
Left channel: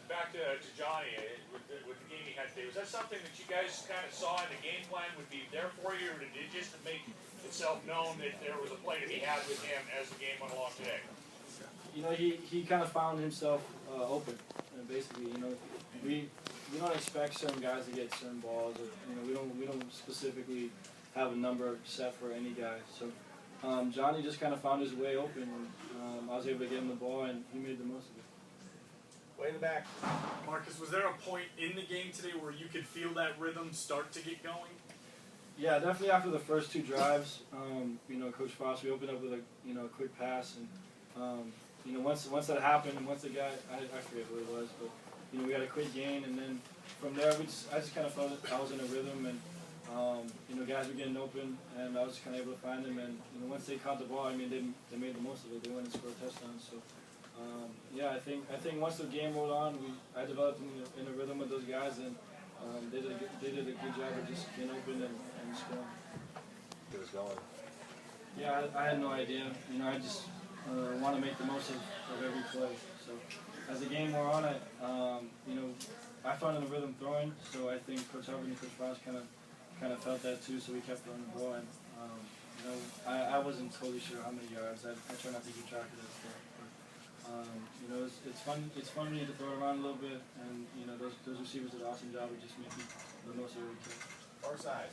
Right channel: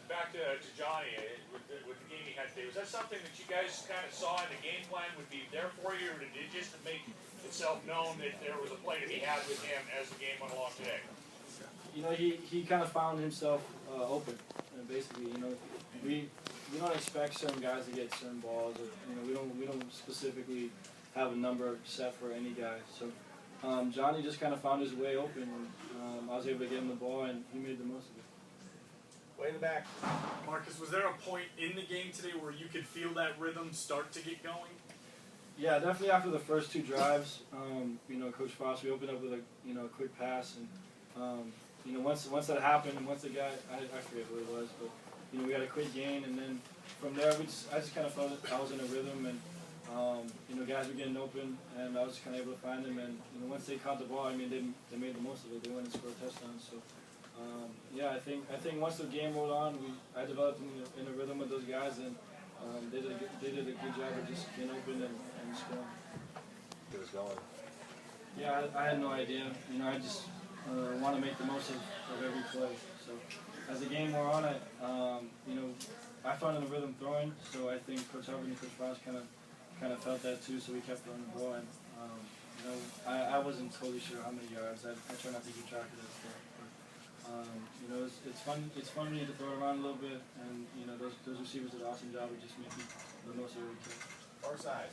Back to Johnny with the game he had today. Was that something that you guys kind of saw in the game plan would be there for you, or did it just make itself known that there was a play to be had with him as the game went along today? You know, he kind of found himself open, and basically, you know, we don't expect certain guys to get certain balls. Or, we don't specifically have a number set for any guy. So Johnny just kind of found his way open, and I was able to get him the ball, and he made the most of it. Way in the back. Marcus, was there a point in the game today where you could feel that rhythm start to get going? Yeah, definitely after the first 2 drives, Coach Foss, we opened up with a quick pass, and once that happened, and once the guy, I forget who it was, but we had a quick gain, and then from there I just kind of felt that I was in a rhythm, and guys were getting open, and I was kind of able to find them, and once they caught the ball, they made the most of it. They went and scored touchdowns. So I think once the game rolled on, I developed in a rhythm with those guys, and they did a good job of just getting open and scoring. It was going. Yeah, I had no idea. I just want to make the most of every play. So as the game wore on, I found in the rhythm throwing. So I think Coach Hubbard and Coach Foss kind of felt that too. So we kept throwing the ball, and I wasn't totally sure how many yards. I try not to keep track of that stuff. But it's fun. It's fun when you get to throw it around a little bit, and those receivers did an awesome job of just making the most of every play. Far side.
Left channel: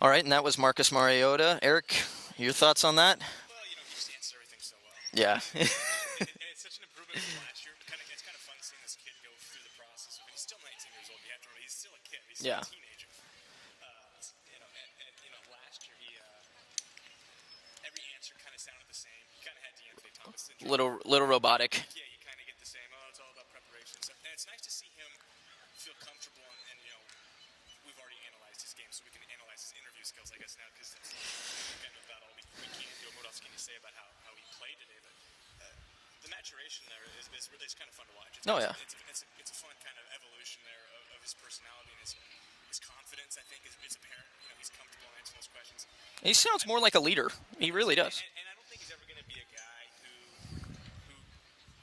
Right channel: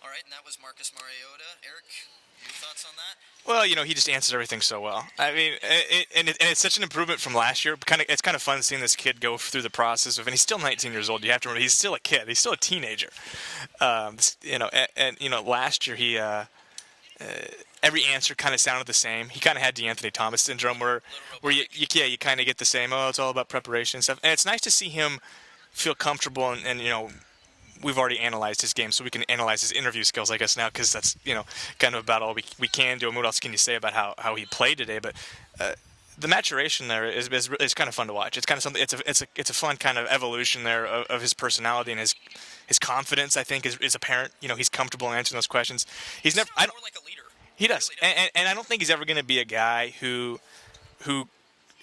All right, and that was Marcus Mariota. Eric, your thoughts on that? Well, he just answers everything so well. Yeah. I mean, and it's such an improvement from last year. It's kind of fun seeing this kid go through the process of, and he's still 19 years old. You have to remember, he's still a kid. He's still a teenager. Last year he every answer kind of sounded the same. He kind of had DeAnthony Thomas syndrome, little robotic. Where you kind of get the same. Oh, it's all about preparation and stuff. And it's nice to see him feel comfortable and we've already analyzed his game, so we can analyze his interview skills, I guess, now, because that's, kind of about all we can do. And what else can you say about how he played today? But the maturation there is kind of fun to watch. It's kind of something. It's a fun kind of evolution there of his personality and his confidence. I think is apparent. He's comfortable answering those questions. He sounds more like a leader. He does. Really does. And I don't think he's ever going to be a guy who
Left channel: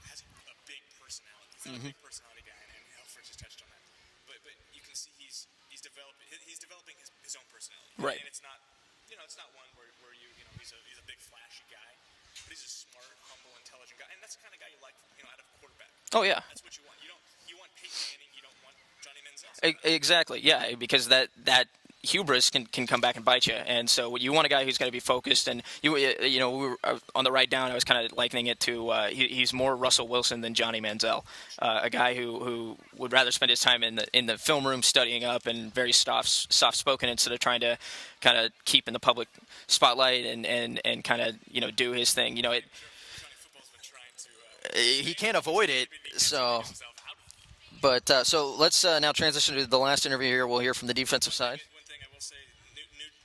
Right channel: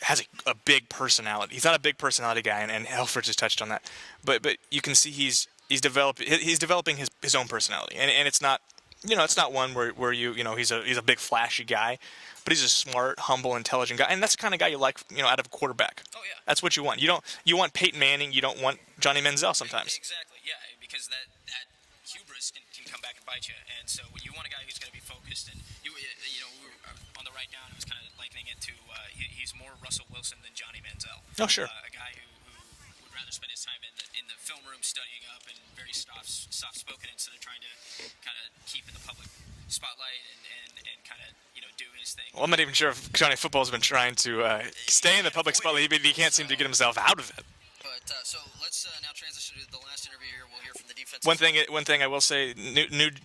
has a big personality. He's not a big personality guy, and Helfrich just touched on that. But you can see he's developing his own personality, and it's not it's not one where he's a big flashy guy, but he's a smart, humble, intelligent guy, and that's the kind of guy you like out of a quarterback. Oh yeah, that's what you want. You want Peyton Manning, you don't want Johnny Manziel sometimes. Exactly, yeah, because that hubris can come back and bite you, and so you want a guy who's going to be focused. And we were on the write down, I was kind of likening it to he's more Russell Wilson than Johnny Manziel. Oh sure, a guy who would rather spend his time in the film room studying up and very soft spoken instead of trying to kind of keep in the public spotlight and kind of do his thing. I'm not even sure if Johnny Football's been trying to stay in the public spotlight, but he can't seem to get himself out of it. But so let's now transition to the last interview here. We'll hear from the defensive side. One thing I will say:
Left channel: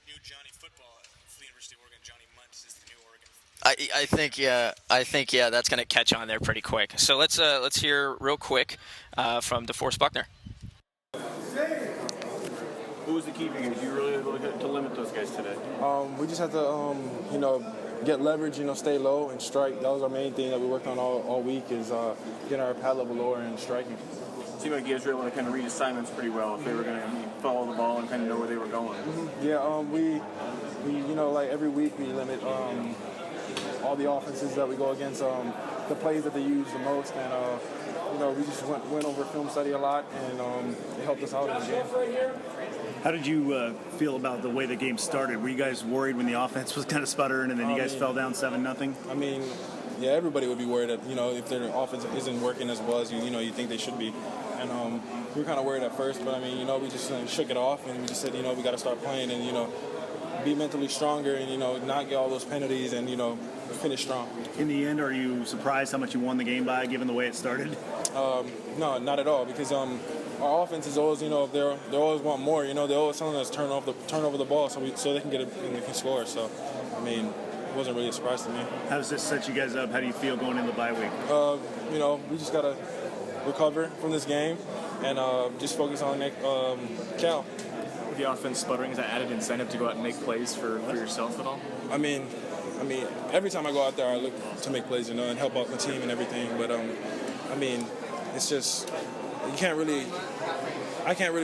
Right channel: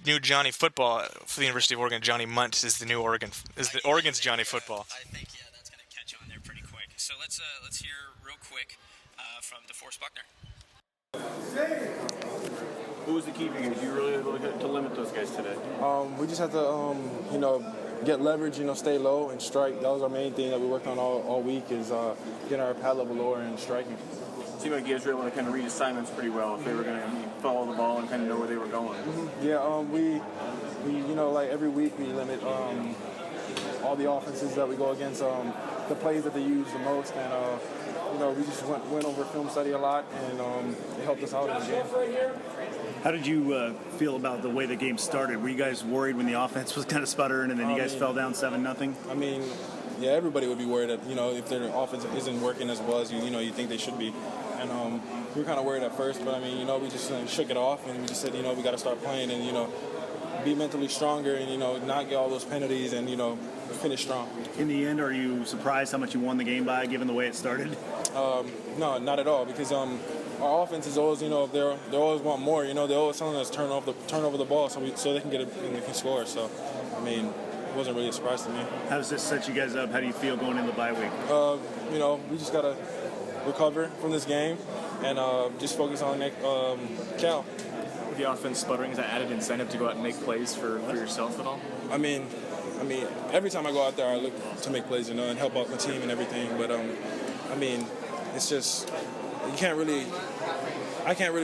new Johnny Football for the University of Oregon. Johnny Mundt is the new Oregon's Johnny Football. I think that's going to catch on there pretty quick. So let's hear real quick from DeForest Buckner. Who was the key for you? Did you really able to limit those guys today? We just had to get leverage, stay low and strike. That was our main thing that we worked on all week is getting our pad level lower and striking. It seemed like you guys were able to kind of read assignments pretty well if they were going to follow the ball and kind of know where they were going. Mm-hmm. Yeah, we like every week we limit all the offenses that we go against, the plays that they use the most, and we just went over film study a lot, and it helped us out in the game. How did you feel about the way the game started? Were you guys worried when the offense was kind of sputtering and then you guys fell down 7-0? I mean, yeah, everybody would be worried that, if their offense isn't working as well as you think they should be. And we were kind of worried at first, but we just shook it off and we just said, we got to start playing and, be mentally stronger and, not get all those penalties and, finish strong. In the end, are you surprised how much you won the game by, given the way it started? No, not at all, because our offense is always, they always want more. They always telling us turn over the ball so they can get it and they can score. So, it wasn't really a surprise to me. How does this set you guys up? How do you feel going into the bye week? We just got to recover from this game and just focus on Cal. With the offense sputtering, is that added incentive to go out and make plays for yourself at all? I mean, every time I go out there, I look to make plays, and help out the team and everything. But it's just I can't really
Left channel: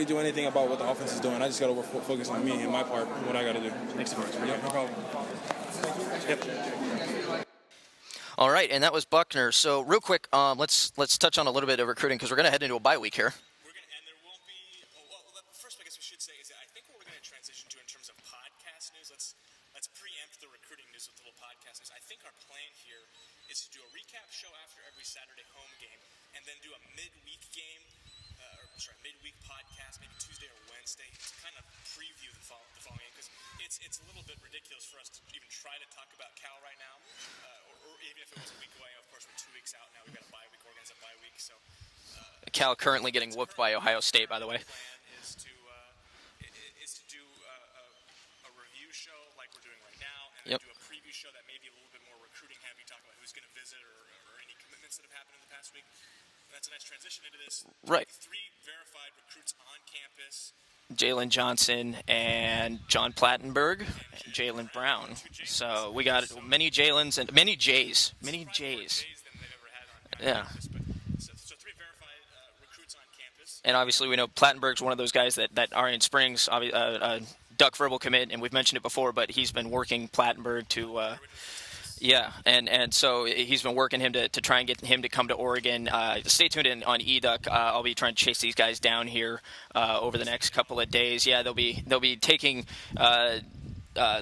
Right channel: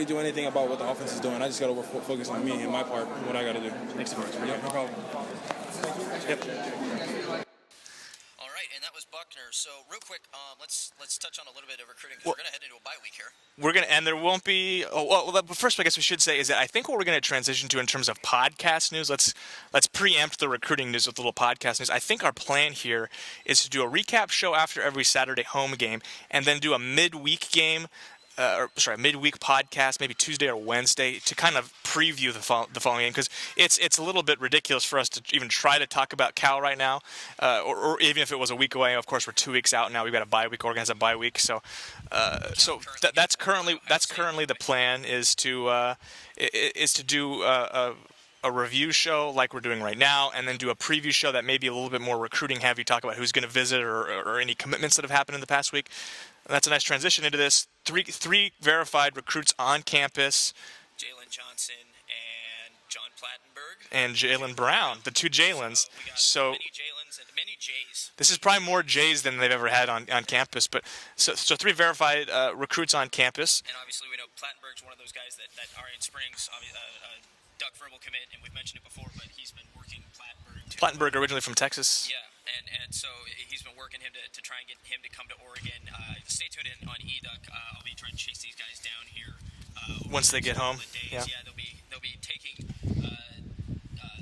do anything about what the offense is doing. I just got to focus on me and my part, what I got to do. Thanks, DeForest. Yeah, no problem. Yep. All right, and that was Buckner. So real quick, let's touch on a little bit of recruiting because we're going to head into a bye week here. We're going to, and there won't be, but first I guess we should say is that I think what we're going to transition to in terms of podcast news, let's preempt the recruiting news with a little podcast news. I think our plan here is to do a recap show after every Saturday home game and then do a midweek game, midweek podcast, maybe Tuesday or Wednesday, to kind of preview the following game, because it's a little bit ridiculous for us to even try to talk about Cal right now, or even if it was a week away. Of course, we're 2 weeks out now. We've got a bye week. Oregon has a bye week, so currently that's currently the plan is to do a review show like we're doing right now, and then do a preview show that may be a little bit more recruiting heavy, talk about who's going to visit or any commitments that have happened in the past week. And that's a nice transition into this. Three verified recruits on campus. Jalen Johnson and John Plattenberg. And Jalen Brown. The two Jalens. So we got many Jalens and many Jays. This is probably more Jays than they've ever had on campus. But so 3 verified recruits on campus. And obviously we know Plattenberg's one of those guys that Arian Springs, Duck verbal commit, and we've mentioned it before, but he's been working Plattenberg originally from Texas. Yeah, and so he's been working him to try and get him to come to Oregon. Stay tuned in on eDuck. I'll be trying to chase these guys down here over the next couple of days. Yeah, they'll be taking a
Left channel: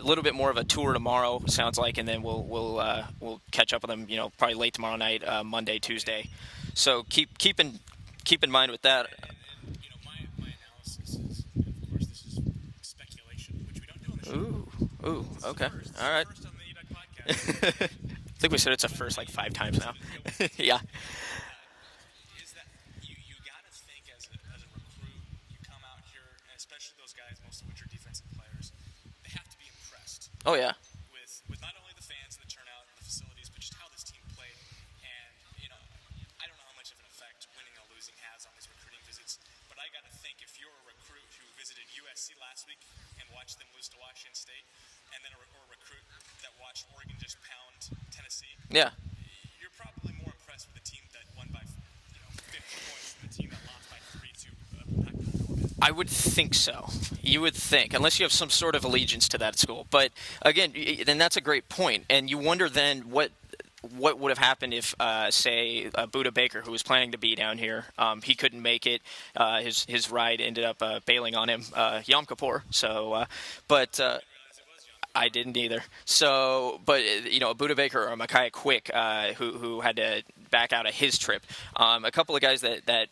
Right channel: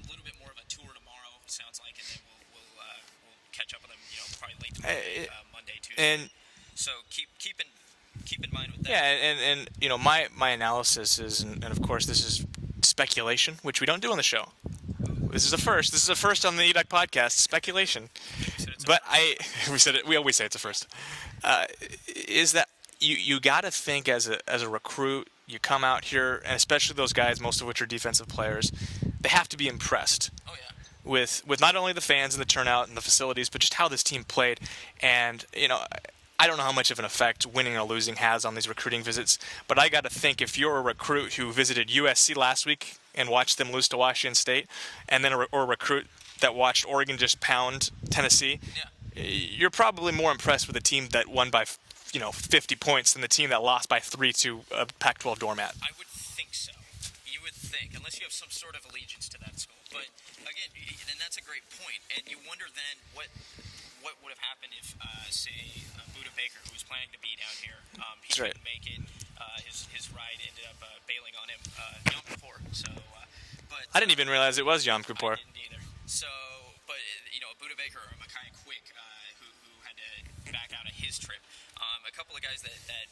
little bit more of a tour tomorrow, sounds like, and then we'll catch up with them. Probably late tomorrow night, Monday, Tuesday. So keep in mind with that. Yeah, and my analysis is, and of course this is speculation, which we don't do on the show. This is a first. This is a first on the eDuck podcast. Speculation. I think we said it's a first. We said it. We always say it's a first. Is that you got to think as a recruit, you come out here, and especially those guys, most of which are defensive players, they have to be impressed. Oh yeah. With not only the fans and the turnout and the facilities, but just how this team played. And I don't know how much of an effect winning or losing has on these recruiting visits, but I got to think if you're a recruit who visited USC last week and watched them lose to Washington State, and then or a recruit that watched Oregon just pound Tennessee, you're probably more impressed with a team that won by 50 points than the team that lost by 3 to a Pac-12 doormat. I would think so. You would think, unless you have some sort of allegiance to that school. But again, then that's a great point, and you wonder then what would have happened if, say, Buda Baker, who was planning to be down here, he couldn't make it. His ride ended up bailing on him Yom Kippur. So, but I didn't even realize it was Yom Kippur. I didn't either. So, but Buda Baker or Micaiah Quick, who had to back out of his trip. A couple of guys that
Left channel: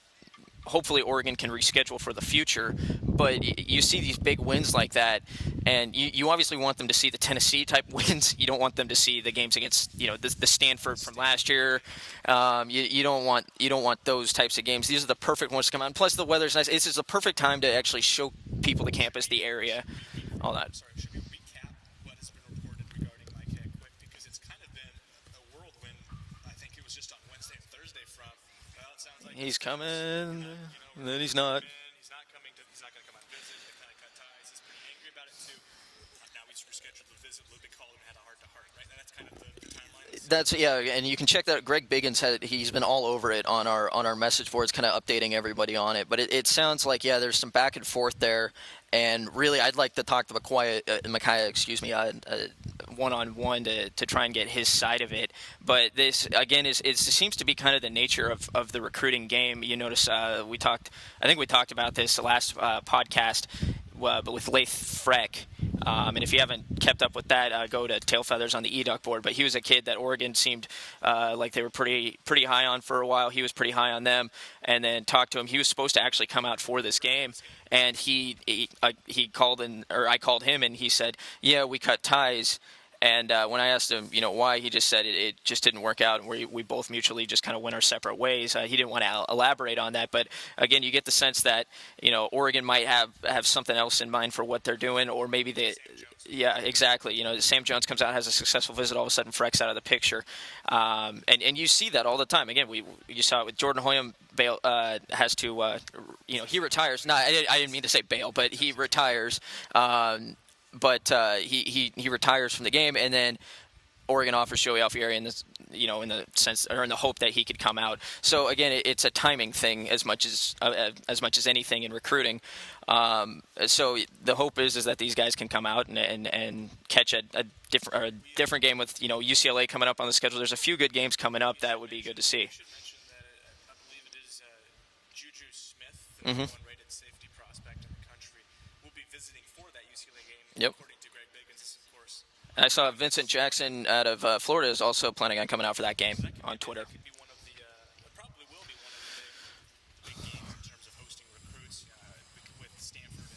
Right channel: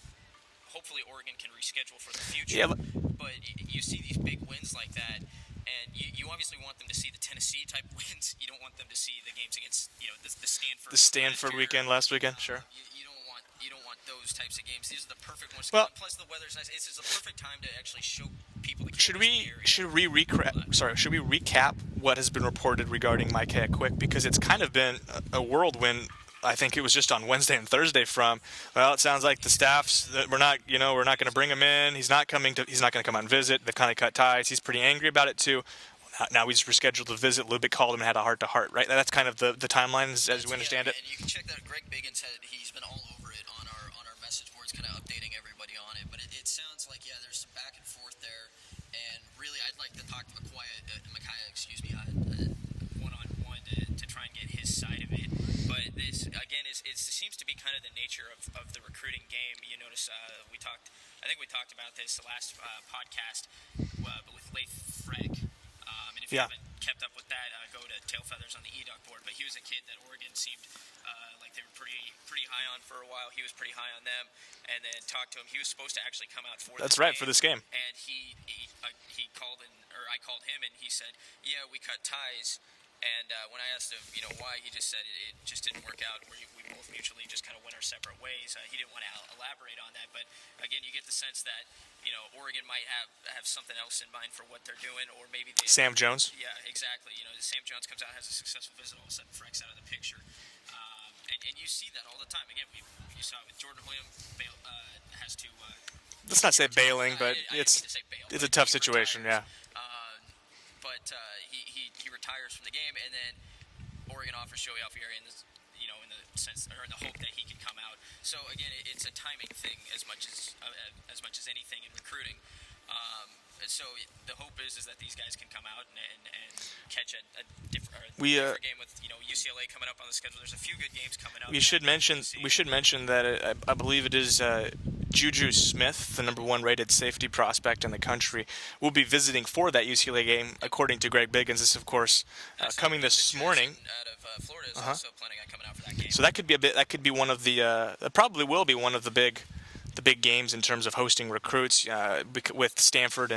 hopefully Oregon can reschedule for the future. Yeah. But you see these big wins like that, and you obviously want them to see the Tennessee type wins. You don't want them to see the games against the Stanford from last weekend. You don't want those types of games. These are the perfect ones to come on. Plus the weather's nice. This is the perfect time to actually show people the campus, the area. Should we recap what has been reported regarding Micaiah Quick, because it's kind of been a whirlwind. I think it was just on Wednesday and Thursday from, it sounds like the staff's, we're not going to bring him in. He's not going to come out and visit. They've kind of cut ties. He's pretty angry about it too. Now he's rescheduled the visit. Lubick called him and had a heart-to-heart, right? That's kind of the timeline. And you can check that. Greg Biggins he's been all over it on our message boards, kind of updating everybody on it. But it sounds like, there's some back and forth there. And really, I'd like to talk to Micaiah, one-on-one to try and get his side of it. But this, again, it seems to be kind of the nature of the recruiting game. You notice I think we talked about this the last podcast, but with Laith Freck. And if you haven't kept up with that, go to Tail Feathers on the eDuck board. But he was a kid that Oregon seemed like they were pretty high on for a while. He was pretty high on them. And then talked to him. He was supposed to actually come out for this game. And he called I called him, and he said, "Yeah, we cut ties." And when I asked him, why, he just said it just didn't work out, and we both mutually just kind of went our separate ways. He didn't want to elaborate on that, but again, you get the sense that Oregon might have something else in mind for what they're doing, or maybe Sam Jones. Yeah, exactly. Sam Jones comes out, has a successful visit, all of a sudden Freck's out of the picture, and you see that all the time. Again, you saw it with Jordan Hoyam. Has to he retires. I didn't mean to say bail, but he retires. Yeah. But he retires from the game, and then Oregon offers Joey Alfieri, and in the sense or in the hope that he could come out. So again, it's a timing thing as much as anything in recruiting. So the hope is that these guys can come out and catch a different game with UCLA coming up on the schedule. There's a few good games coming up. We should mention that I believe it is Juju Smith, the number 1 rated safety prospect in the country, will be visiting for that UCLA game, according to Greg Biggins. This, of course, I saw coming Vincent this morning. Jackson out of Florida is also planning on coming out for that game. So that could be one of the probably will be one of the big games in terms of hosting recruits, with Stanford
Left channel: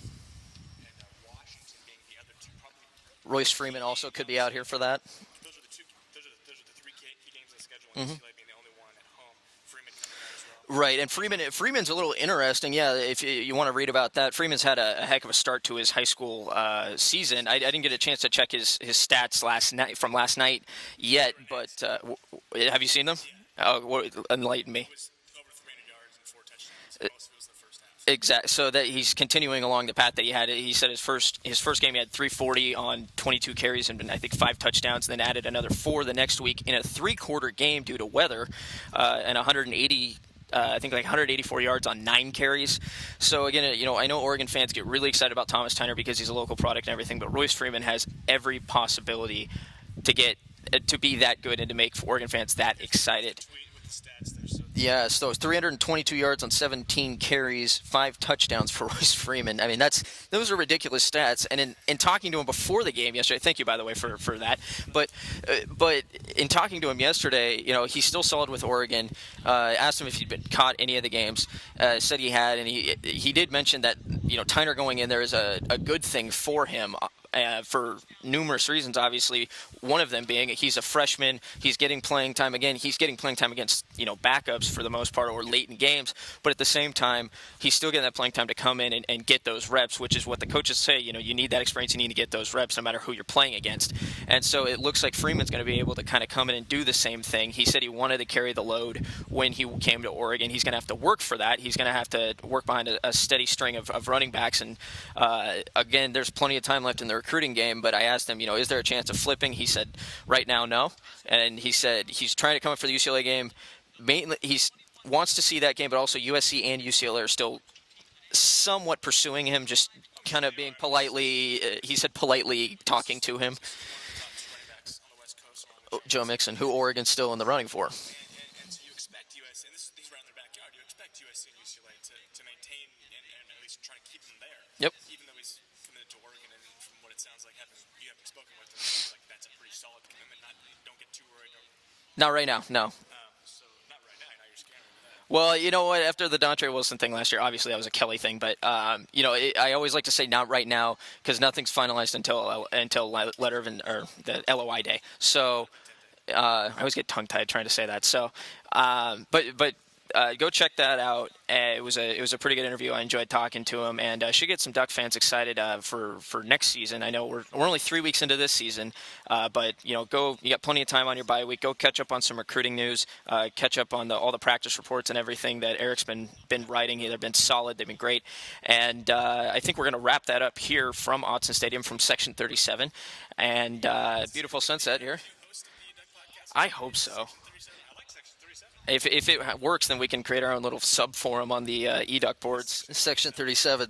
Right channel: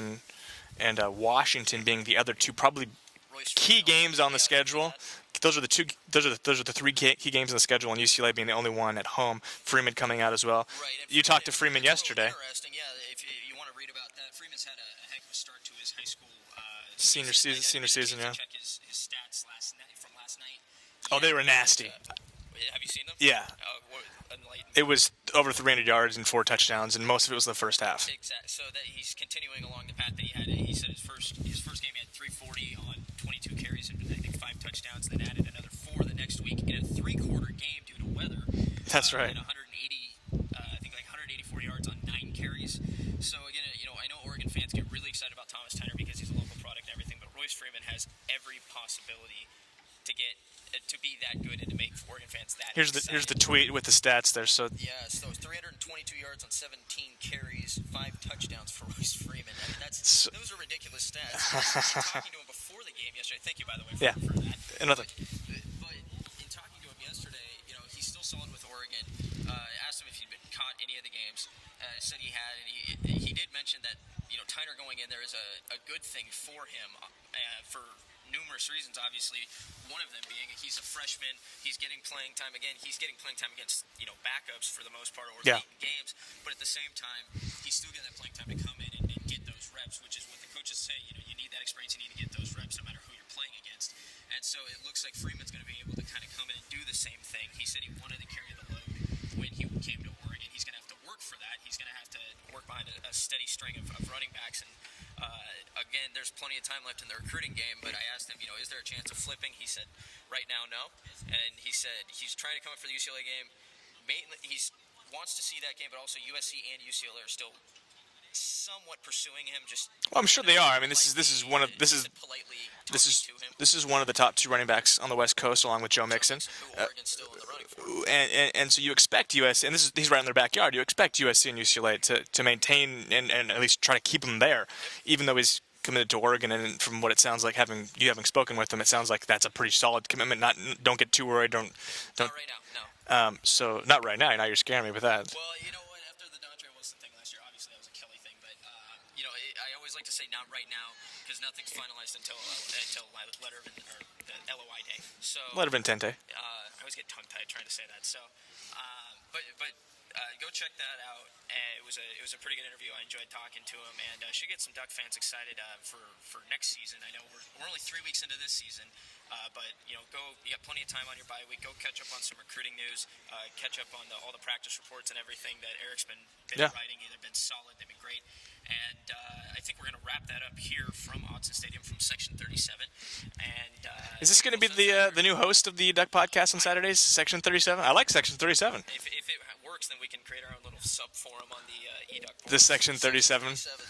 and Washington being the other two probably Royce key Freeman games on the schedule. Those are the 3 key games on the schedule, and UCLA being the only one at home. Freeman coming out as well. Right, and you talked to Freeman Freeman's yesterday. A little interesting. Yeah, if you want to read about that, Freeman's had a heck of a start to his high school season. I didn't get a chance to check his stats last night yet. Oh, they were nasty. Have you seen them? Yeah. Enlighten me. It was over 300 yards and 4 touchdowns, and most of it was the first half. Exactly. So that he's continuing along the path that he had. He said his first game he had 340 on 22 carries and I think 5 touchdowns, and then added another 4 the next week in a 3-quarter game due to weather. That's right. And 184 yards on 9 carries. So again, I know Oregon fans get really excited about Thomas Tyner because he's a local product and everything, but Royce Freeman has every possibility to be that good and to make Oregon fans that excited. Here's the tweet with the stats there. So so 322 yards on 17 carries, 5 touchdowns for Royce Freeman. I mean, those are ridiculous stats. And in talking to him before the game yesterday, thank you, by the way, for that. But in talking to him yesterday, he's still solid with Oregon. Asked him if he'd been caught any of the games. Said he had, and he did mention that Tyner going in there is a good thing for him. For numerous reasons, obviously, one of them being he's a freshman. He's getting playing time again. He's getting playing time against backups for the most part or late in games. But at the same time, he's still getting that playing time to come in and get those reps, which is what the coaches say. You need that experience. You need to get those reps no matter who you're playing against. And so it looks like Freeman's going to be able to kind of come in and do the same thing. He said he wanted to carry the load when he came to Oregon. He's going to have to work for that. He's going to have to work behind a steady string of running backs. And again, there's plenty of time left in the recruiting game, but I asked him, is there a chance of flipping? He said, right now, no. And he said he's trying to come up for the UCLA game. Mainly, he wants to see that game, but also USC and UCLA are still somewhat pursuing him, just I'm sure they are. Politely, he said politely talking to him. This is one of the top 2 running backs on the West Coast, along with Joe Mixon, who Oregon's still in the running for. And so you expect USC, and he's right in their backyard. You expect USC and UCLA to maintain and at least try to keep him there. Yep. Even though he's committed to Oregon, and from what it sounds like, having spoken with him, it sounds like that's a pretty solid commitment. Don't get too worried. Not right now, no. So not right now. Now you're scaring me with that. Well, you know what? After the Dontre Wilson thing last year, obviously that was a Kelly thing, but I always like to say not right now because nothing's finalized until letter of or the LOI day. So letter of intente. I always get tongue-tied trying to say that. So, but. Go check that out. It was a pretty good interview. I enjoyed talking to him, and should get some Duck fans excited for next season. I know we're only 3 weeks into this season, but you got plenty of time on your bye week. Go catch up on some recruiting news. Catch up on all the practice reports and everything that Eric's been writing. They've been solid. They've been great, and I think we're going to wrap that up here from Autzen Stadium from Section 37. And is this going to be the new host of the Duck podcast on Saturdays? So. Section 37. I like Section 37. If it works, then we can create our own little sub forum on the eDuck board. The Section 37.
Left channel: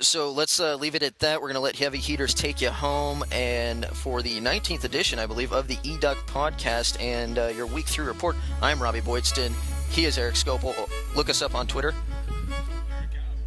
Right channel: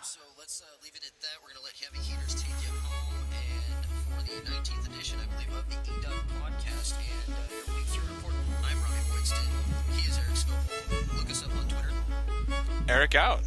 So let's leave it at that. We're going to let Heavy Heaters take you home, and for the 19th edition, I believe, of the eDuck podcast and your week 3 report, I'm Robby Boydstun. He is Eric Scopel. Look us up on Twitter. Eric out.